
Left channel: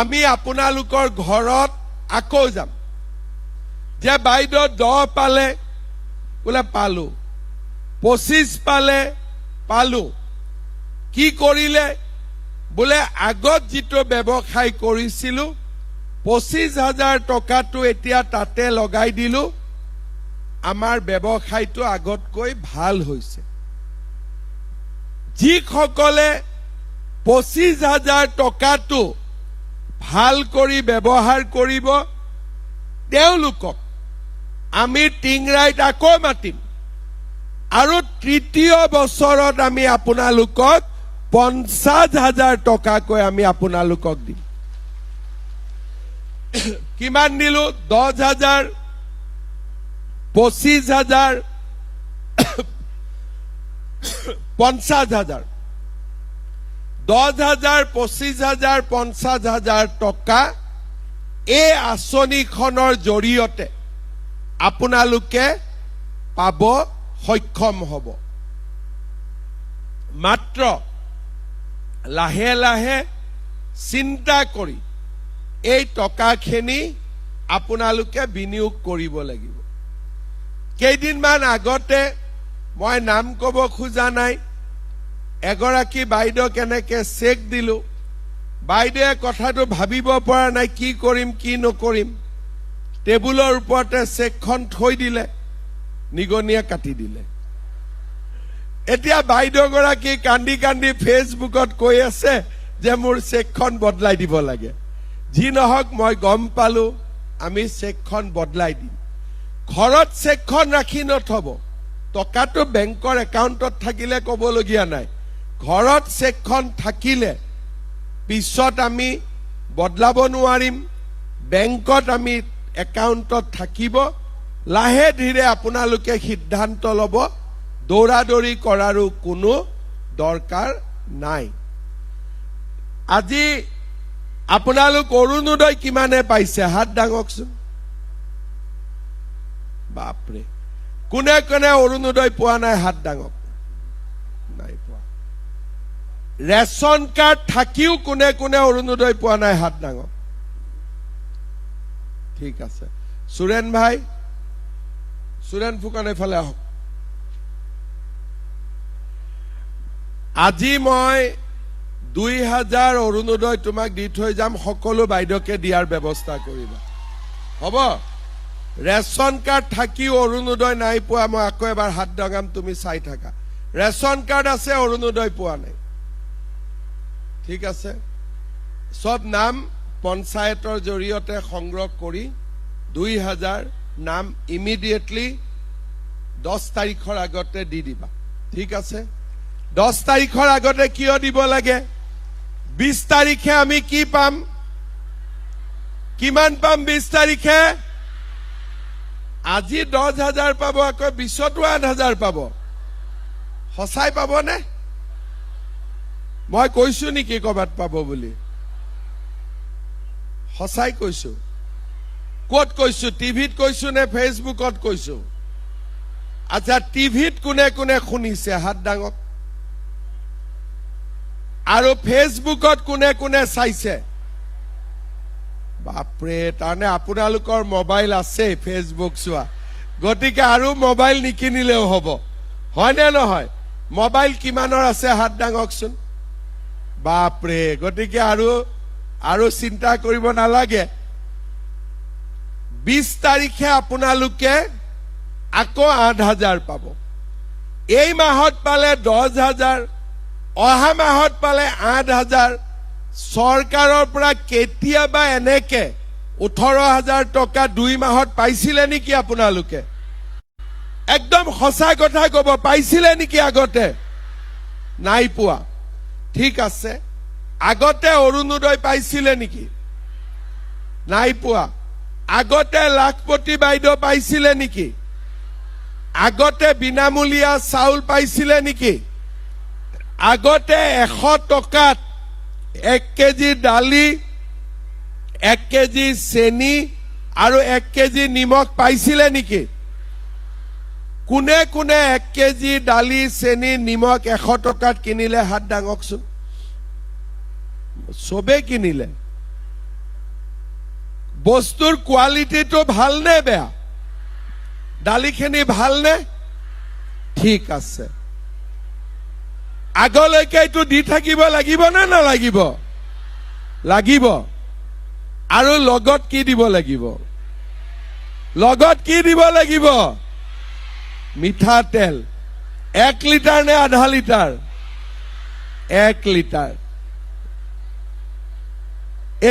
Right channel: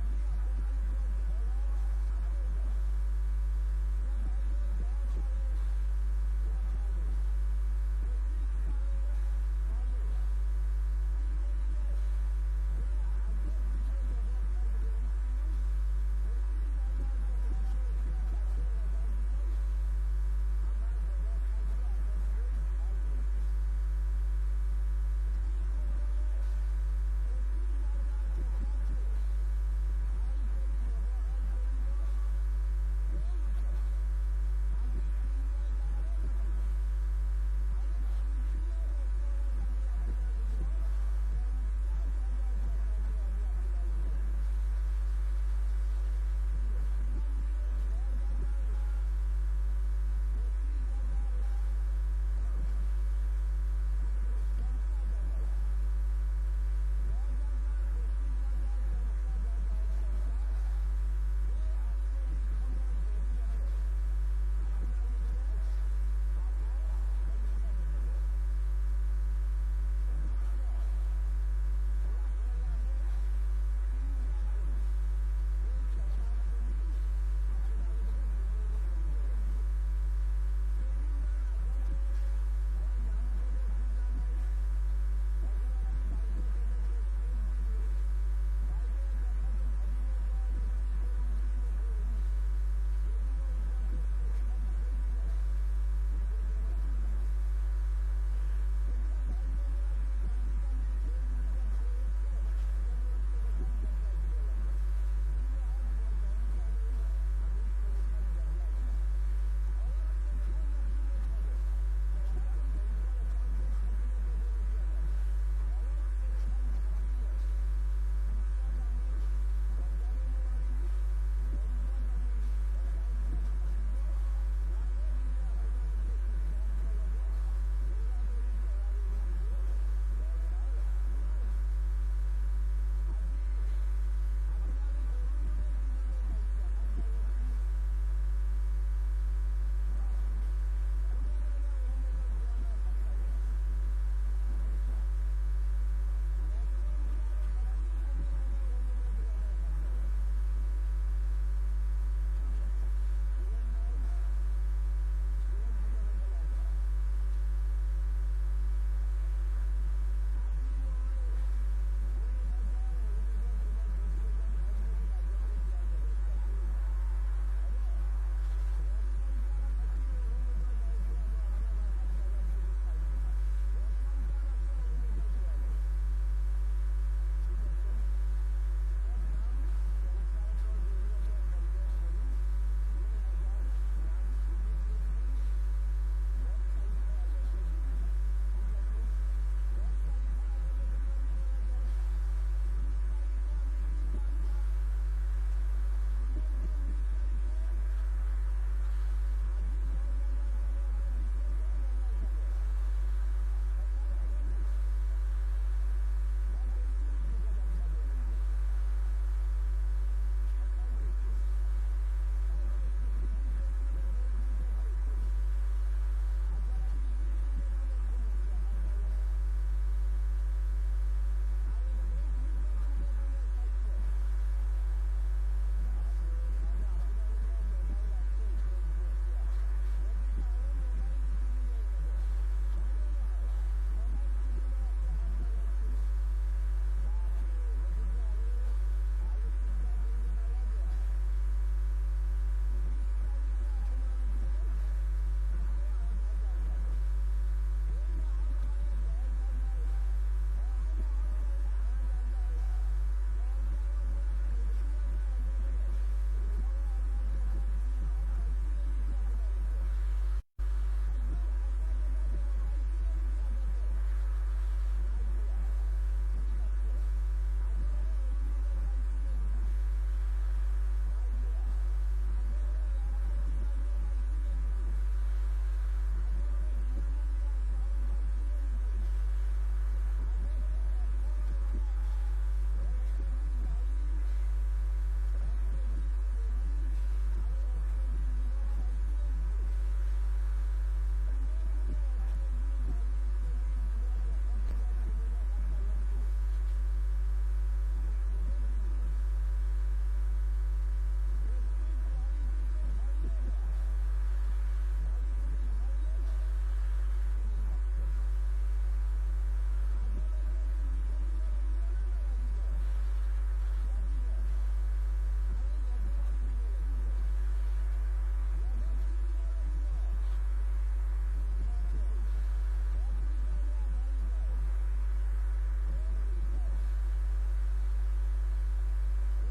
আমি আপোনালোকৰ ঘৰত আকৌ যাম যে বাইদেউ 10 পালে বোলে পালো 25 পালে পালো কি কৰিলে বোলে আগত যিটো ব্যৱসায় কৰিছিলো 25,000 টকাটো এতিয়া তাতে লগাই দিলো আমাৰ ব্যৱসায়টো আগতকৈ ভাল হৈছে যিসকলে 25,000 টকাটো ভাল কৰি ব্যৱহাৰ কৰিব তেওঁলোকক আমি টিংৰাইত আকৌ মাতিম আৰু তৃতীয় বছৰত আমি আপোনালোকক 50,000 টকাকৈ আমি আপোনালোকক দিম কিমান দিলো 10,000 25,000 50,000 10,000 25,000 50,000 টকা এই আঁচনিখনৰ জৰিয়তে আপোনালোকে পাব সক্ষম হ'ব মাত্ৰ লাহে লাহে চিন্তা কৰি এই টকাখিনি আপোনালোকে বিনিয়োগ কৰিব লাগিব কেইদিনমান আগতে মই নাম ক'ব খোজা নাই এগৰাকী বাইদেউ কেনেকে চেক দিলো বাইদেৱে কথাটো ভাবিব পৰা নাই কি কৰিম কি নকৰিম টেবুলৰ ওপৰতে চেকখন থৈ দিলে নিগনিয়ে কাটি দিলে এতিয়া বাইদেউ গৰাকী কান্দি কান্দি ফেচবুকত কৈ আছে যে মোৰ চেকখন বদলাই দিব লাগে যি নহওক মই গম পালো আমি চেকখন বদলাই দিম ঘৰত চেকখন ৰাখি নথব টকাটো বেংকৰ একাউণ্টত থাকিলে ক'বলগীয়া নাই ঘৰত চেকখন থাকিলে পিছত আমি বদলাব নোৱাৰিম বেংকত আমি একাউণ্টত থাকিব লাহে ধীৰে আপোনালোকে সিদ্ধান্ত ল'ব দৌৰাদৌৰি কৰাৰো কোনো দৰকাৰ নাই আজি আপোনালোক অৰুণোদয় কিমানে পাইছে হাত দাঙকচোন বাপৰে কোনে কোনে অৰুণোদয় পোৱা নাই হাত ডাঙক নাই পোৱা ৰেচন কাৰ্ড থাকিও কোনে কোনে অৰুণোদয় পোৱা নাই হাত ডাঙক ঠিক আছে সুৰেন ভাই সুৰেন ফুকন এফালে আহক আজি মই 2000 অৰুণোদয় তোমাক দি থৈ যাম সকলো বাইদেউকে দিয়াৰ ব্যৱস্থা কৰিবা হ'ব ৰেচন কাৰ্ড থাকিও অৰুণোদয় নাই পোৱা মই আকৌ এবাৰ হাত ডাঙাম তুমি চাই থাকা ৰেচন কাৰ্ড আছে অৰুণোদয় পোৱা নাই ঠিক আছে সব নাম পঞ্চায়তৰ জৰিয়তে সংগ্ৰহ কৰি 2000 নাম ইমিডিয়েটলি 10 তাৰিখৰ আগতে দি দিবা ঠিক আছে 10 তাৰিখৰ আগতে কিয় দিব লাগে 20 তাৰিখে আমি কি পাম কিমান পাম 20 তাৰিখে আজি 10,000 পাব আকৌ 20তো 8,000 পাব সঁচাই পাবনে মই কৈছো নেকি কবাত পাব বুলি সঁচাই কৈছো ক'ত কৈছো টিভিত কৈছো নে ফেচবুকত কৈছো আচ্ছা টিভিত কোনে কোনে শুনিছে হাত ডাঙক আৰু ফেচবুকত কোনে কোনে চাইছে বাপৰে তাৰনে আপোনালোকৰ মোবাইল আছে ফেচবুক চোৱা গতিকে আৰু মোবাইল নিকিনিলেও হ'ব হয় নে নহয় মোবাইল কিমানৰ আছে হাত ডাঙকচোন বাপৰে গতিকে আৰু চিন্তা কৰিব নালাগে 20 তাৰিখে আপোনালোকে আকৌ 8,000 পাব এই মাহত পালে 10,000 অহা মাহত পালে 8,000 চৰকাৰৰ পৰা কেতিয়াবা এনেকে 18,000 টকা 2 মাহত পাইছিলে নেকি আপোনালোকে একদম সঁচা কথা কব পাইছিলে নেকি আগতে নাই পোৱা ঠিক আছে আগতে অৰুণোদয় পাইছিলে নেকি নাই পোৱা আগতে লাখপতি বাইদেউ পাইছিলে নেকি আগতে বিনামূলীয়া চাউল পাইছিলে নেকি আগতে 100 টকাত 1 কেজি দালি 1 কেজি চেনি আৰু 1 কেজি নিমখ পাইছিলে নেকি কোনে কোনে 1 কেজি দালি চেনি নিমখ 100 টকাত কিনিলে হাত ডাঙকচোন সবে কিনিলে বস্তুৰ কোৱালিটিটো ভাল নে বেয়া দালিখিনি ভাল নে ঠিক আছে আগলৈকে এইটো দি থাকিব লাগিব না নালাগিব লাগিব আৰু লগত কি দিব লাগিব লগত কি দিব লাগিব মিঠাতেল 1 লিটাৰ নে আধা লিটাৰ 1 লিটাৰ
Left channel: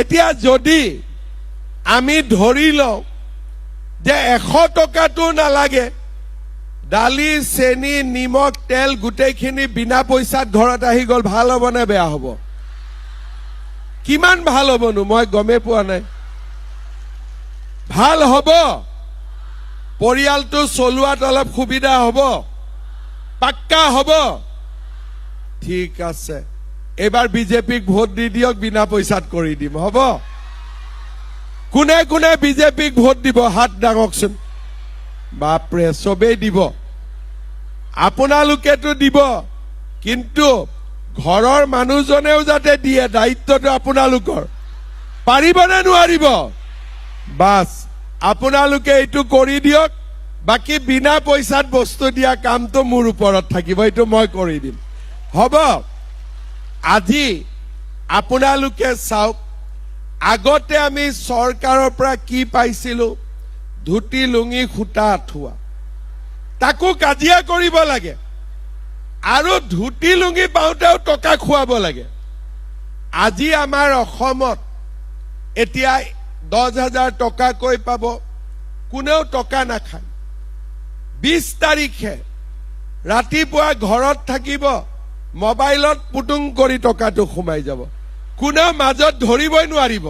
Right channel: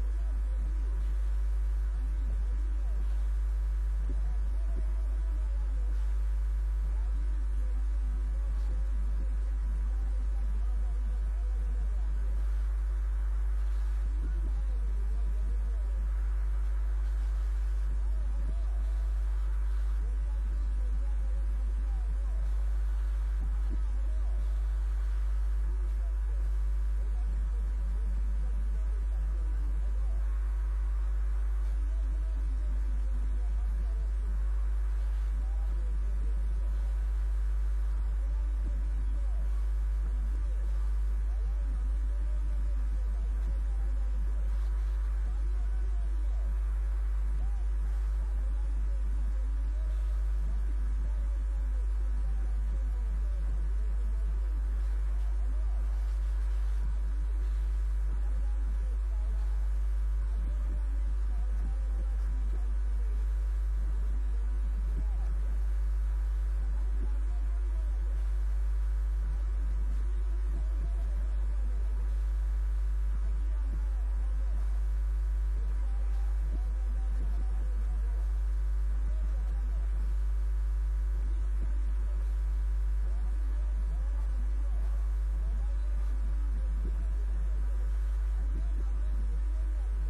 এতিয়া যদি আমি ধৰি লওঁ যে 100 টকাটো নালাগে দালি চেনি নিমখ তেল গোটেইখিনি বিনা পইচাত ঘৰত আহি গল ভাল হ'ব নে বেয়া হ'ব কিমান ভাল হ'বনো মই গমে পোৱা নাই ভাল হ'ব পৰিয়ালটো চলোৱাত অলপ সুবিধা হ'ব পাক্কা হ'ব ঠিক আছে এবাৰ বিজেপিক ভোট দি দিয়ক বিনা পইচাত কৰি দিম হ'ব কোনে কোনে বিজেপিক ভোট দিব হাত ডাঙকচোন বাপৰে সবেই দিব আপোনালোকেতো দিব কিন্তু ঘৰৰ মানুহজনেও যাতে দিয়ে দায়িত্বটো আপোনালোকৰ পাৰিবনে নোৱাৰিব বাস আপোনালোকে এইটো কৰি দিয়ক বাকি বিনা পইচাত বস্তু দিয়া কামটো মোৰ ওপৰত থাকিব এইটো মই কৰি দিম হ'ব আজি আপোনালোকে চাওক আগতে আমি চৰকাৰৰ পৰা কি পাইছিলো ধুতি লুঙি খুটা আঠুৱা তাকো কাজিয়া কৰিব লাগে আৰু ধুতি লুঙি পাওঁতেও টকা খুৱাব লাগে আজি আমাৰ অসমত এতিয়া 10,000 টকাকৈ পাব কোনেও টকা নাখায় 20 তাৰিখে ৰাতিপুৱা ঘৰত থাকিব মোবাইলত পুটুং কৰি টকাটো সোমাই যাব কোনেও মাজত ধৰিবই নোৱাৰিব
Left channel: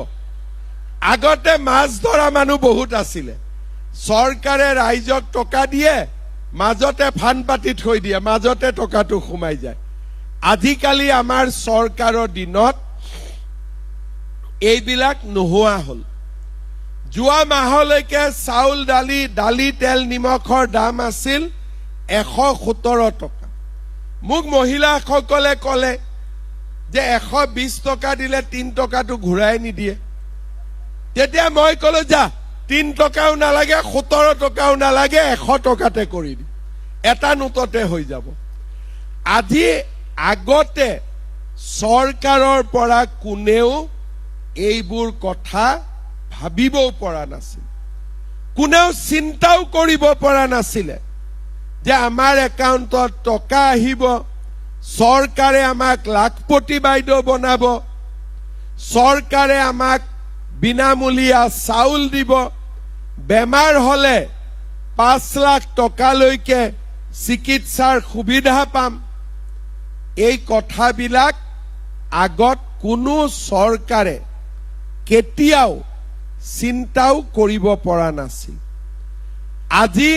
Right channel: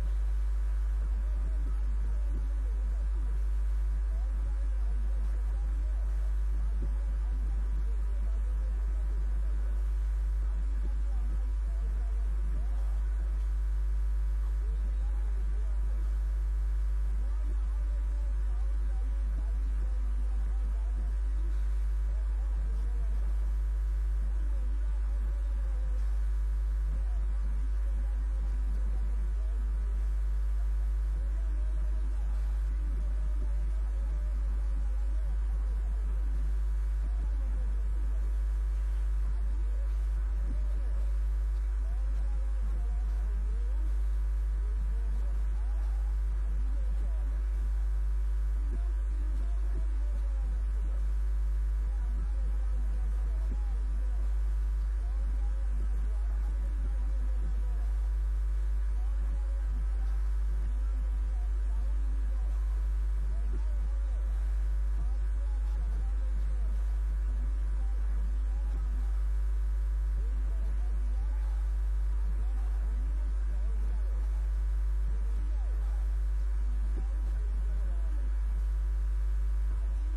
আগতে মাছ ধৰা মানুহ বহুত আছিলে চৰকাৰে ৰাইজক টকা দিয়ে মাজতে ফান পাতি থৈ দিয়ে মাজতে টকাটো সোমাই যায় আজিকালি আমাৰ চৰকাৰৰ দিনত এইবিলাক নোহোৱা হল যোৱা মাহলৈকে চাউল দালি তেল নিমখৰ দাম আছিল 117 টকা। মোক মহিলাসকলে ক'লে যে 120 টকা দিলে 3 টকাটো ঘূৰাই নিদিয়ে। তেতিয়া মই ক'লো যা 3 টকাও নালাগে 17 টকাও নালাগে 100 টকাতে কৰি দিম, এটা নোটতে হৈ যাব। আজি আগতে চৰকাৰৰ পৰা কোনেও এইবোৰ কথা ভাবিবও পৰা নাছিল, কোনেও চিন্তাও কৰিব পৰা নাছিলে যে আমাৰ একাউণ্টত টকা আহিব, চৰকাৰে আমাক লাখপতি বাইদেউ বনাব, চৰকাৰে আমাক বিনামূলীয়া চাউল দিব, বেমাৰ হলে 5 লাখ টকালৈকে চিকিৎসাৰ সুবিধা পাম। এই কথাবিলাক আগত কোনো চৰকাৰে কেতিয়াও চিন্তাও কৰিব পৰা নাছিল। আজি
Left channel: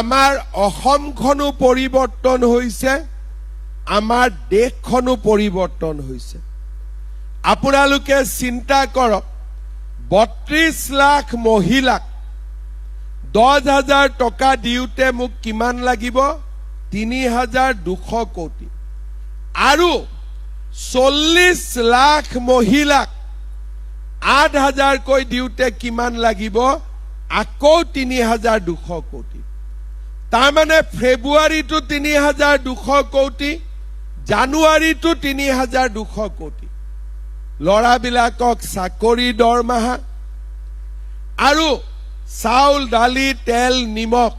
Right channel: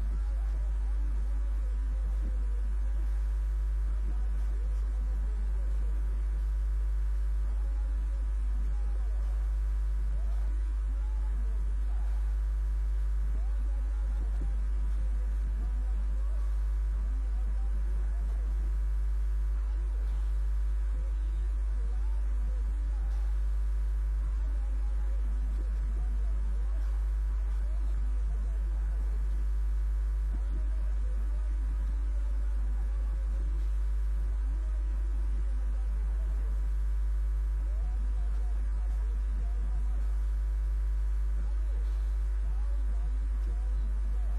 আমাৰ অসমখনো পৰিৱৰ্তন হৈছে, আমাৰ দেশখনো পৰিৱৰ্তন হৈছে। আপোনালোকে চিন্তা কৰক, 32 লাখ মহিলাক 10,000 টকা দিওঁতে মোক কিমান লাগিব? 3,200 কোটি। আৰু 40 লাখ মহিলাক 8,000 কৈ দিওঁতে কিমান লাগিব? আকৌ 3,200 কোটি। তাৰমানে ফেব্ৰুৱাৰীটো 3,200 কোটি, জানুৱাৰীটো 3,200 কোটি। ল'ৰাবিলাকক চাকৰি দৰমহা আৰু চাউল দালি তেল নিমখ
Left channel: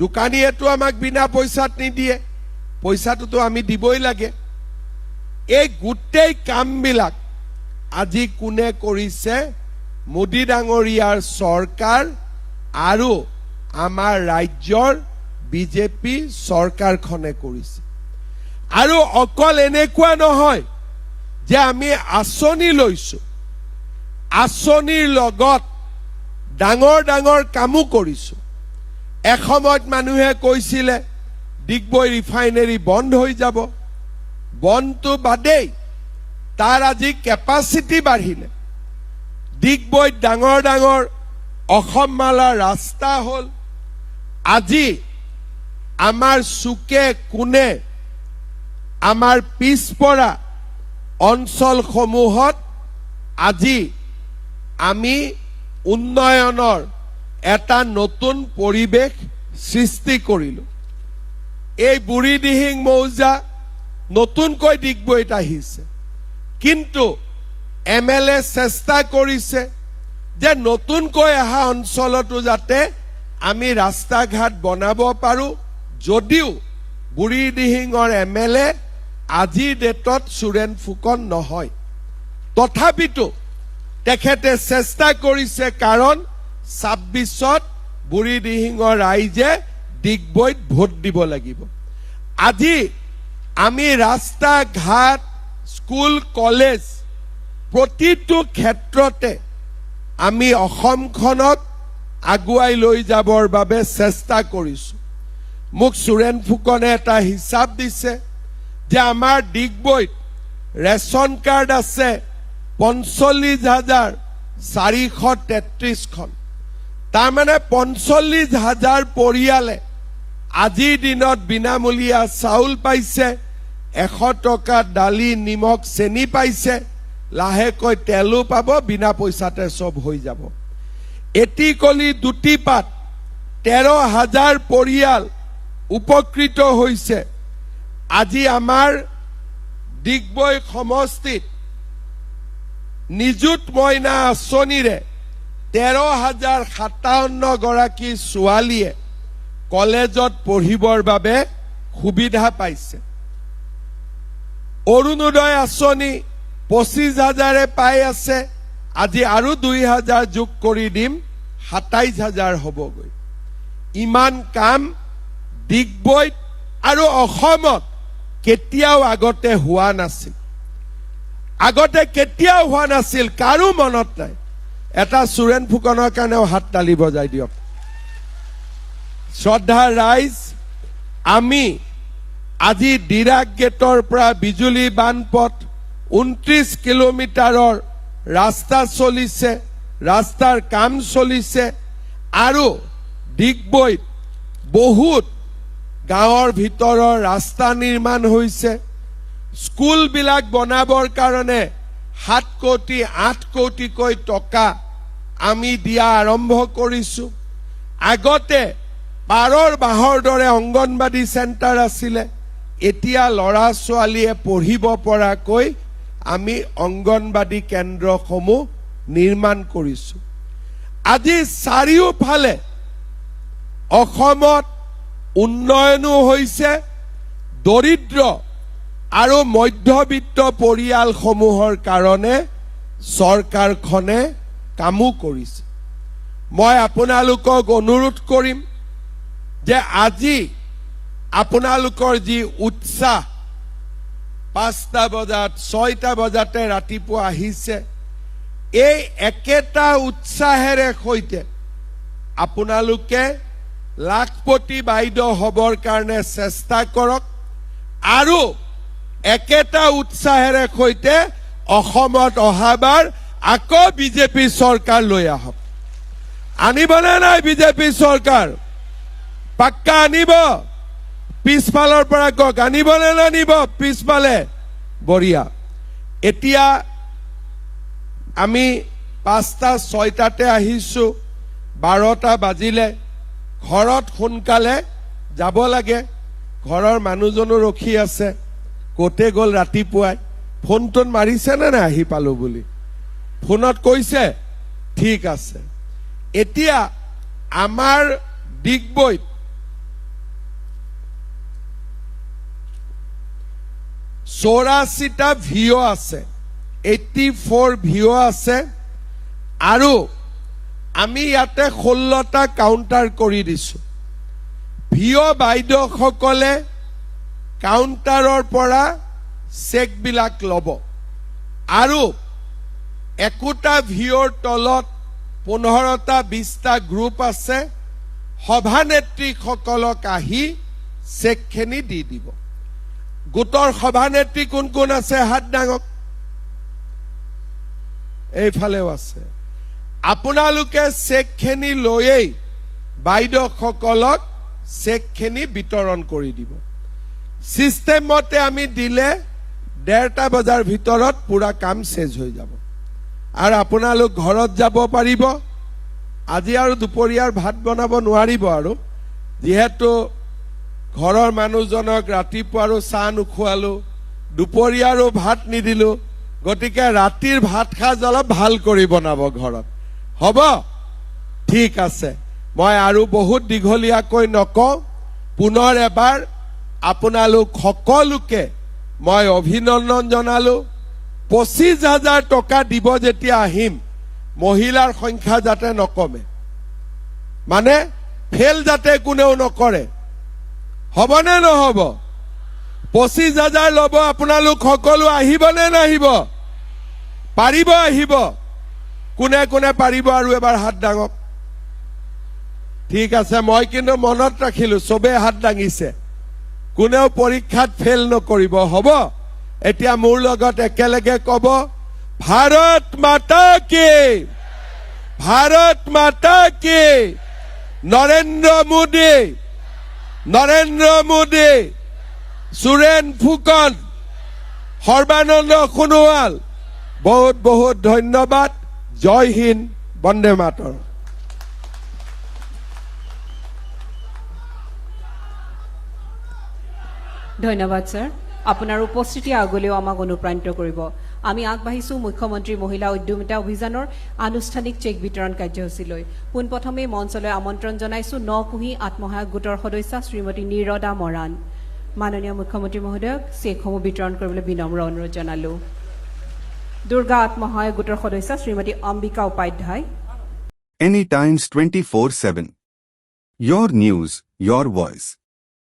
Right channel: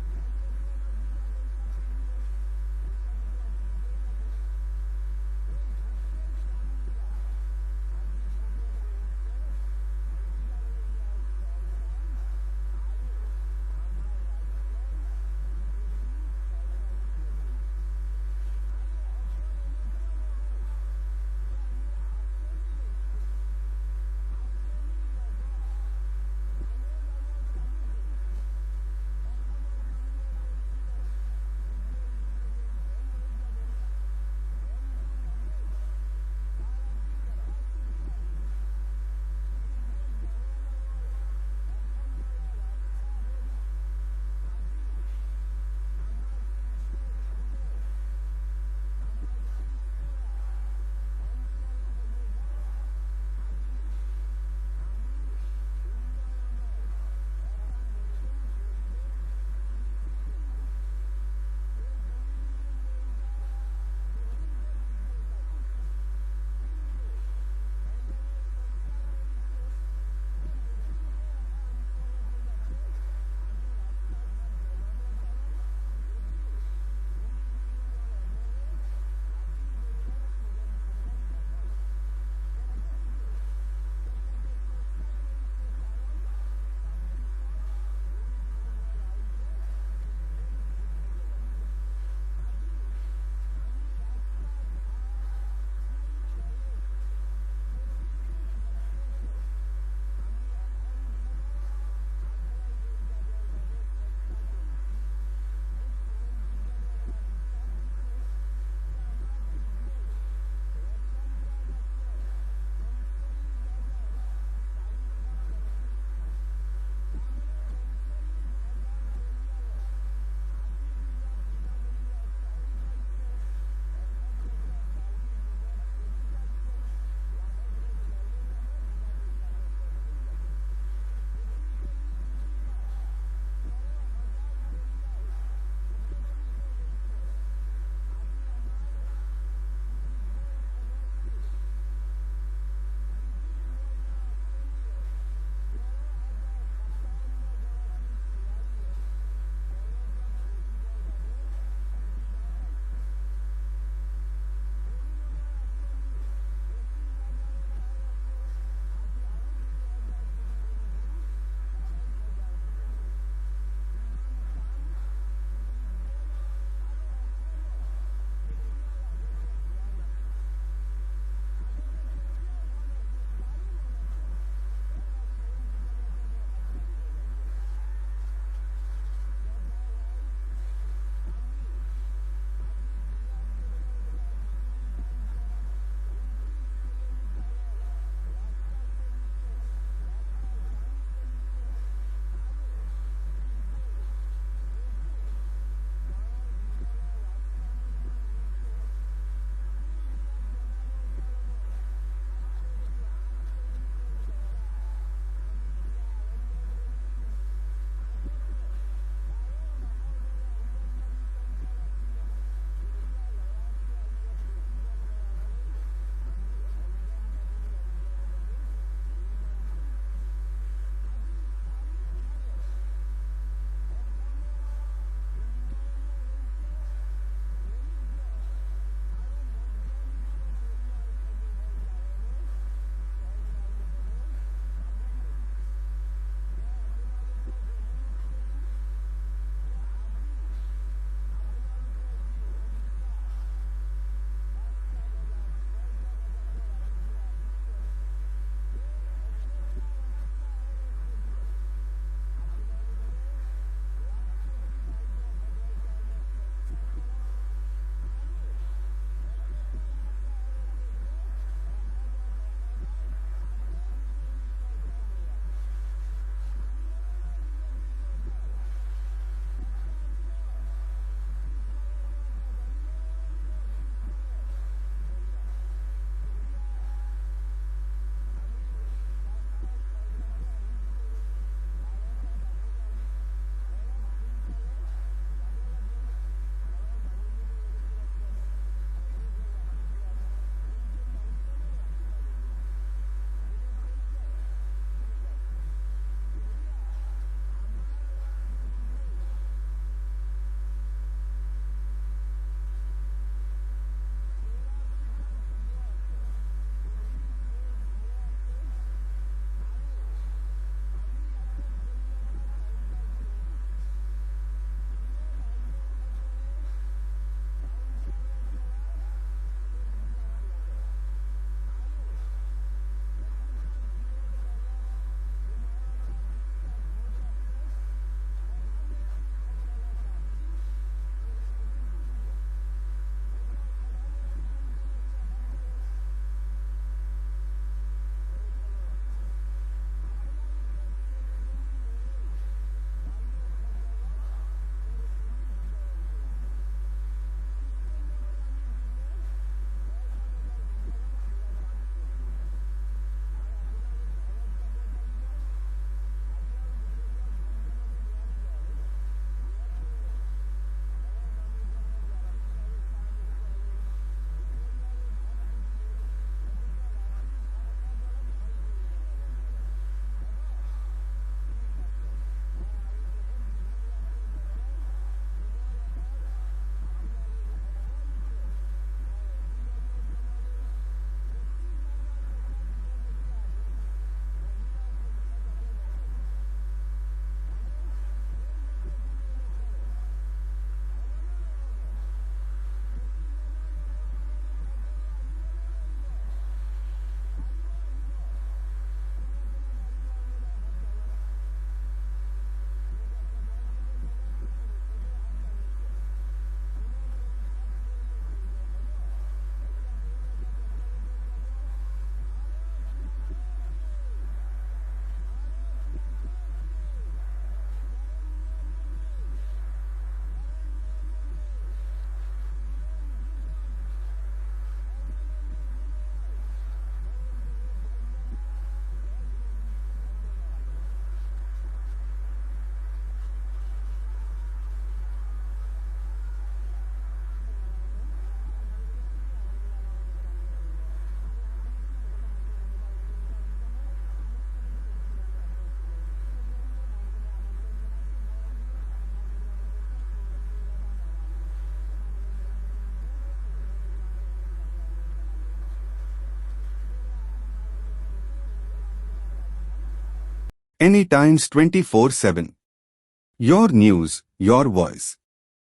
দোকানীয়েতো আমাক বিনা পইচাত নিদিয়ে, পইচাটোতো আমি দিবই লাগে। এই গোটেই কামবিলাক আজি কোনে কৰিছে? মোদী ডাঙৰীয়াৰ চৰকাৰ আৰু আমাৰ ৰাজ্যৰ বিজেপি চৰকাৰখনে কৰিছে। আৰু অকল এনেকুৱা নহয় যে আমি আঁচনি লৈছো, আঁচনিৰ লগত ডাঙৰ ডাঙৰ কামো কৰিছো। এসময়ত মানুহে কৈছিলে ডিগবৈ ৰিফাইনেৰী বন্ধ হৈ যাব, বন্ধটো বাদেই তাৰ আজি কেপাচিটি বাঢ়িলে। ডিগবৈত ডাঙৰ ডাঙৰ অসমমালা ৰাস্তা হ'ল। আজি আমাৰ চুকে কোণে আমাৰ পিছপৰা অঞ্চলসমূহত আজি আমি উন্নয়নৰ এটা নতুন পৰিৱেশ সৃষ্টি কৰিলো। এই বুঢ়ীদিহিং মৌজা নতুনকৈ ডিগবৈত আহিছে, কিন্তু MLA চেষ্টা কৰিছে যে নতুনকৈ অহা অঞ্চলতো যাতে আমি ৰাস্তা ঘাট বনাব পাৰো। যদিও বুঢ়ীদিহিঙৰ MLA আজিৰ ডেটত সুৰেন ফুকন নহয়, তথাপিতো তেখেতে চেষ্টা কৰিছে, কাৰণ 26ত বুঢ়ীদিহিঙৰ ৰাইজে ডিগবৈত ভোট দিব লাগিব। আজি আমি ৰাস্তা ঘাট স্কুল কলেজ প্ৰতিটো ক্ষেত্ৰতে আমি অসমখনক আগুৱাই লৈ যাবৰ বাবে চেষ্টা কৰিছো। মোক সুৰেন ফুকনে এটা হিচাপ দিছে যে আমাৰ ডিগবৈত ৰেচন কাৰ্ড আছে 45,433খন। তাৰমানে 45,000 পৰিয়ালে আজিৰ দিনত বিনামূলীয়া চাউল পাইছে, 100 টকা দালি নিমখ চেনি পাইছে, লাহেকৈ তেলো পাব, বিনা পইচাতে চব হৈ যাব। এটিকলি দুটিপাত 13,000 পৰিয়াল উপকৃত হৈছে। আজি আমাৰ ডিগবৈ সমষ্টিত নিযুত মইনা আঁচনিৰে 13,057 গৰাকী ছোৱালীয়ে কলেজত পঢ়িবৰ বাবে সুবিধা পাইছে। অৰুণোদয় আঁচনি 25,000 পাই আছে, আজি আৰু 2,000 যোগ কৰি দিম, 27,000 হ'বগৈ। ইমান কাম ডিগবৈত আৰু অসমত কেতিয়াও আগতে হোৱা নাছিল, আগতে কেতিয়াও হোৱা নাছিল, কাৰো মনত নাই। এটা সুৰেন ফুকনৰ কাৰণেও হাত তালি বজাই দিয়ক। শ্ৰদ্ধা ৰাইজ, আমি আজি ডিৰাক গেটৰ পৰা বিজুলী বানপথ 29 কিলোমিটাৰৰ ৰাস্তা চলিছে, ৰাস্তাৰ কাম চলিছে আৰু ডিগবৈত বহুত গাঁৱৰ ভিতৰৰ ৰাস্তা নিৰ্মাণ হৈছে। স্কুলবিলাক বনাবৰ কাৰণে 7 কোটি 8 কোটিকৈ টকা আমি দিয়া আৰম্ভ কৰিছো। আগতে পাৰৰ বাঁহৰ দৰে অংগনবাদী চেণ্টাৰ আছিলে, এতিয়া ল'ৰা ছোৱালীয়ে পঢ়িব পৰাকৈ আমি অংগনবাদী কেন্দ্ৰসমূহ নিৰ্মাণ কৰিছো। আজি চাৰিওফালে অসমত উন্নয়নো হৈছে, দৰিদ্ৰ আৰু মধ্যবিত্ত পৰিয়ালসমূহৰ কাৰণে চৰকাৰখনে কামো কৰিছে। মই আপোনালোকক অনুৰোধ কৰিম যে আজি আপোনালোকৰ যি উৎসাহ 5টা বজাত 6টা বজাতে ৰাতিপুৱা আহিছে, এই একেটা উৎসাহেৰে সৈতে আপোনালোকে লাখপতি বাইদেউ হবৰ কাৰণে চেষ্টা কৰক আৰু একেটা উৎসাহেৰে সৈতে অসমত অহাবাৰ আকৌ বিজেপি চৰকাৰ লৈ আহক। আনিবনে নাই বিজেপি চৰকাৰ? পাক্কা আনিব? পিছফালৰ পৰা কওক, আনিবনে নানিব? পিছফালে বঢ়িয়া। এতিয়া আমি 5টা 6টাতে আহিছো, 12টা বাজিলে। ঘৰত সোনকালে যাব লাগে, ঘৰৰ মানুহজনো ৰখি আছে। ক'তে গ'ল ৰাতিপুৱাই? ফোনটোন মাৰিছেনে নাই আহি পালো বুলি? ফোনত কৈছে? ঠিক আছে। এতিয়া আমাৰ ডিগবৈত 84টা ভিঅ আছে, 84 ভিঅ আছে আৰু আমি ইয়াতে 16টা কাউণ্টাৰ কৰি দিছো। ভিঅ বাইদেউসকলে কাউণ্টাৰৰ পৰা চেকবিলাক ল'ব আৰু একোটা ভিঅৰ তলত 15টা 20টা গ্ৰুপ আছে, সভানেত্ৰীসকলক আহি চেকখিনি দি দিব। গোটৰ সভানেত্ৰী কোন কোন আছে? হাত দাঙক। এইফালেও আছে। আপোনালোকে চেকখিনি লৈয়েই বাইদেউসকলক চেকখিনি বিতৰণ কৰি দিব। চিষ্টেম মতে আমি দিলে 1:30 বজাৰ ভিতৰত পুৰা কাম শেষ হৈ যাব আৰু আপোনালোক ঘৰত যাব পাৰিব। আজি আৰু দুপৰীয়াৰ ভাত বনাব নোৱাৰিব আৰু, যিহেতু ঘৰৰ মানুহজনক ৰাতিপুৱা আৰু চাহ নোখোৱালো, দুপৰীয়াৰো ভাত নিদিলো, গতিকে ৰাতিৰ ভাত সাজ অলপ ভাল কৰি বনাব ঘৰত। হ'ব? ঠিক আছে। মই আৰু বহুত দীঘলীয়াকৈ নকওঁ। পুনৰ এবাৰ আপোনালোক সকলোকে মই অভিনন্দন জনালো। 25,000 টকা দিব যেতিয়া আহিম, মহিলাৰ সংখ্যা যাতে নকমে, মানে ফেল যাতে কোনেও নকৰে। হ'বনে নহ'ব? 25,000 ল'ব। আপোনালোক সকলো আহিবনে নাহিব? পাৰিব আহিব? কোনে কোনে পাৰিব আৰু এবাৰ হাত দাঙক। ঠিক আছে, মই কিন্তু মনত ৰাখিলো, চবেই হাত দাঙিছে। কোনেও পৰীক্ষাত ফেল নকৰিব। হ'ব? এতিয়া মোৰ লগত একেলগে ক'ব, ভাৰত মাতা কি, ভাৰত মাতা কি, নৰেন্দ্ৰ মোদী, নৰেন্দ্ৰ মোদী, সুৰেন ফুকন, সৰ্বানন্দ সোণোৱাল। বহুত বহুত ধন্যবাদ। জয় হিন্দ, বন্দে মাতৰম। ধন্যবাদ স্যাৰ। আপনাৰ উপস্থিতি আগলেও আমাক অনুপ্ৰাণিত কৰব। আমি আগবাঢ়িছো মুখ্যমন্ত্ৰী মহিলা উদ্যমিতা অভিযানৰ আনুষ্ঠানিক চেক বিতৰণ কাৰ্যসূচীলৈ। পোনপ্ৰথমে মঞ্চলৈ আমন্ত্ৰণ জনাইছো নকুহি আত্মসহায়ক গোটৰ সদস্যা শ্ৰীমতী নিৰদা মৰাণ। মাননীয় মুখ্যমন্ত্ৰী মহোদয়ক চেকসমূহ বিতৰণ কৰিবলৈ বিনম্ৰ অনুৰোধ জনালো। দুৰ্গা আত্মসহায়ক গোটৰ সদস্যা শ্ৰীমতী Ambika Upadhyay. Any Times 24/7. Your news, your voice.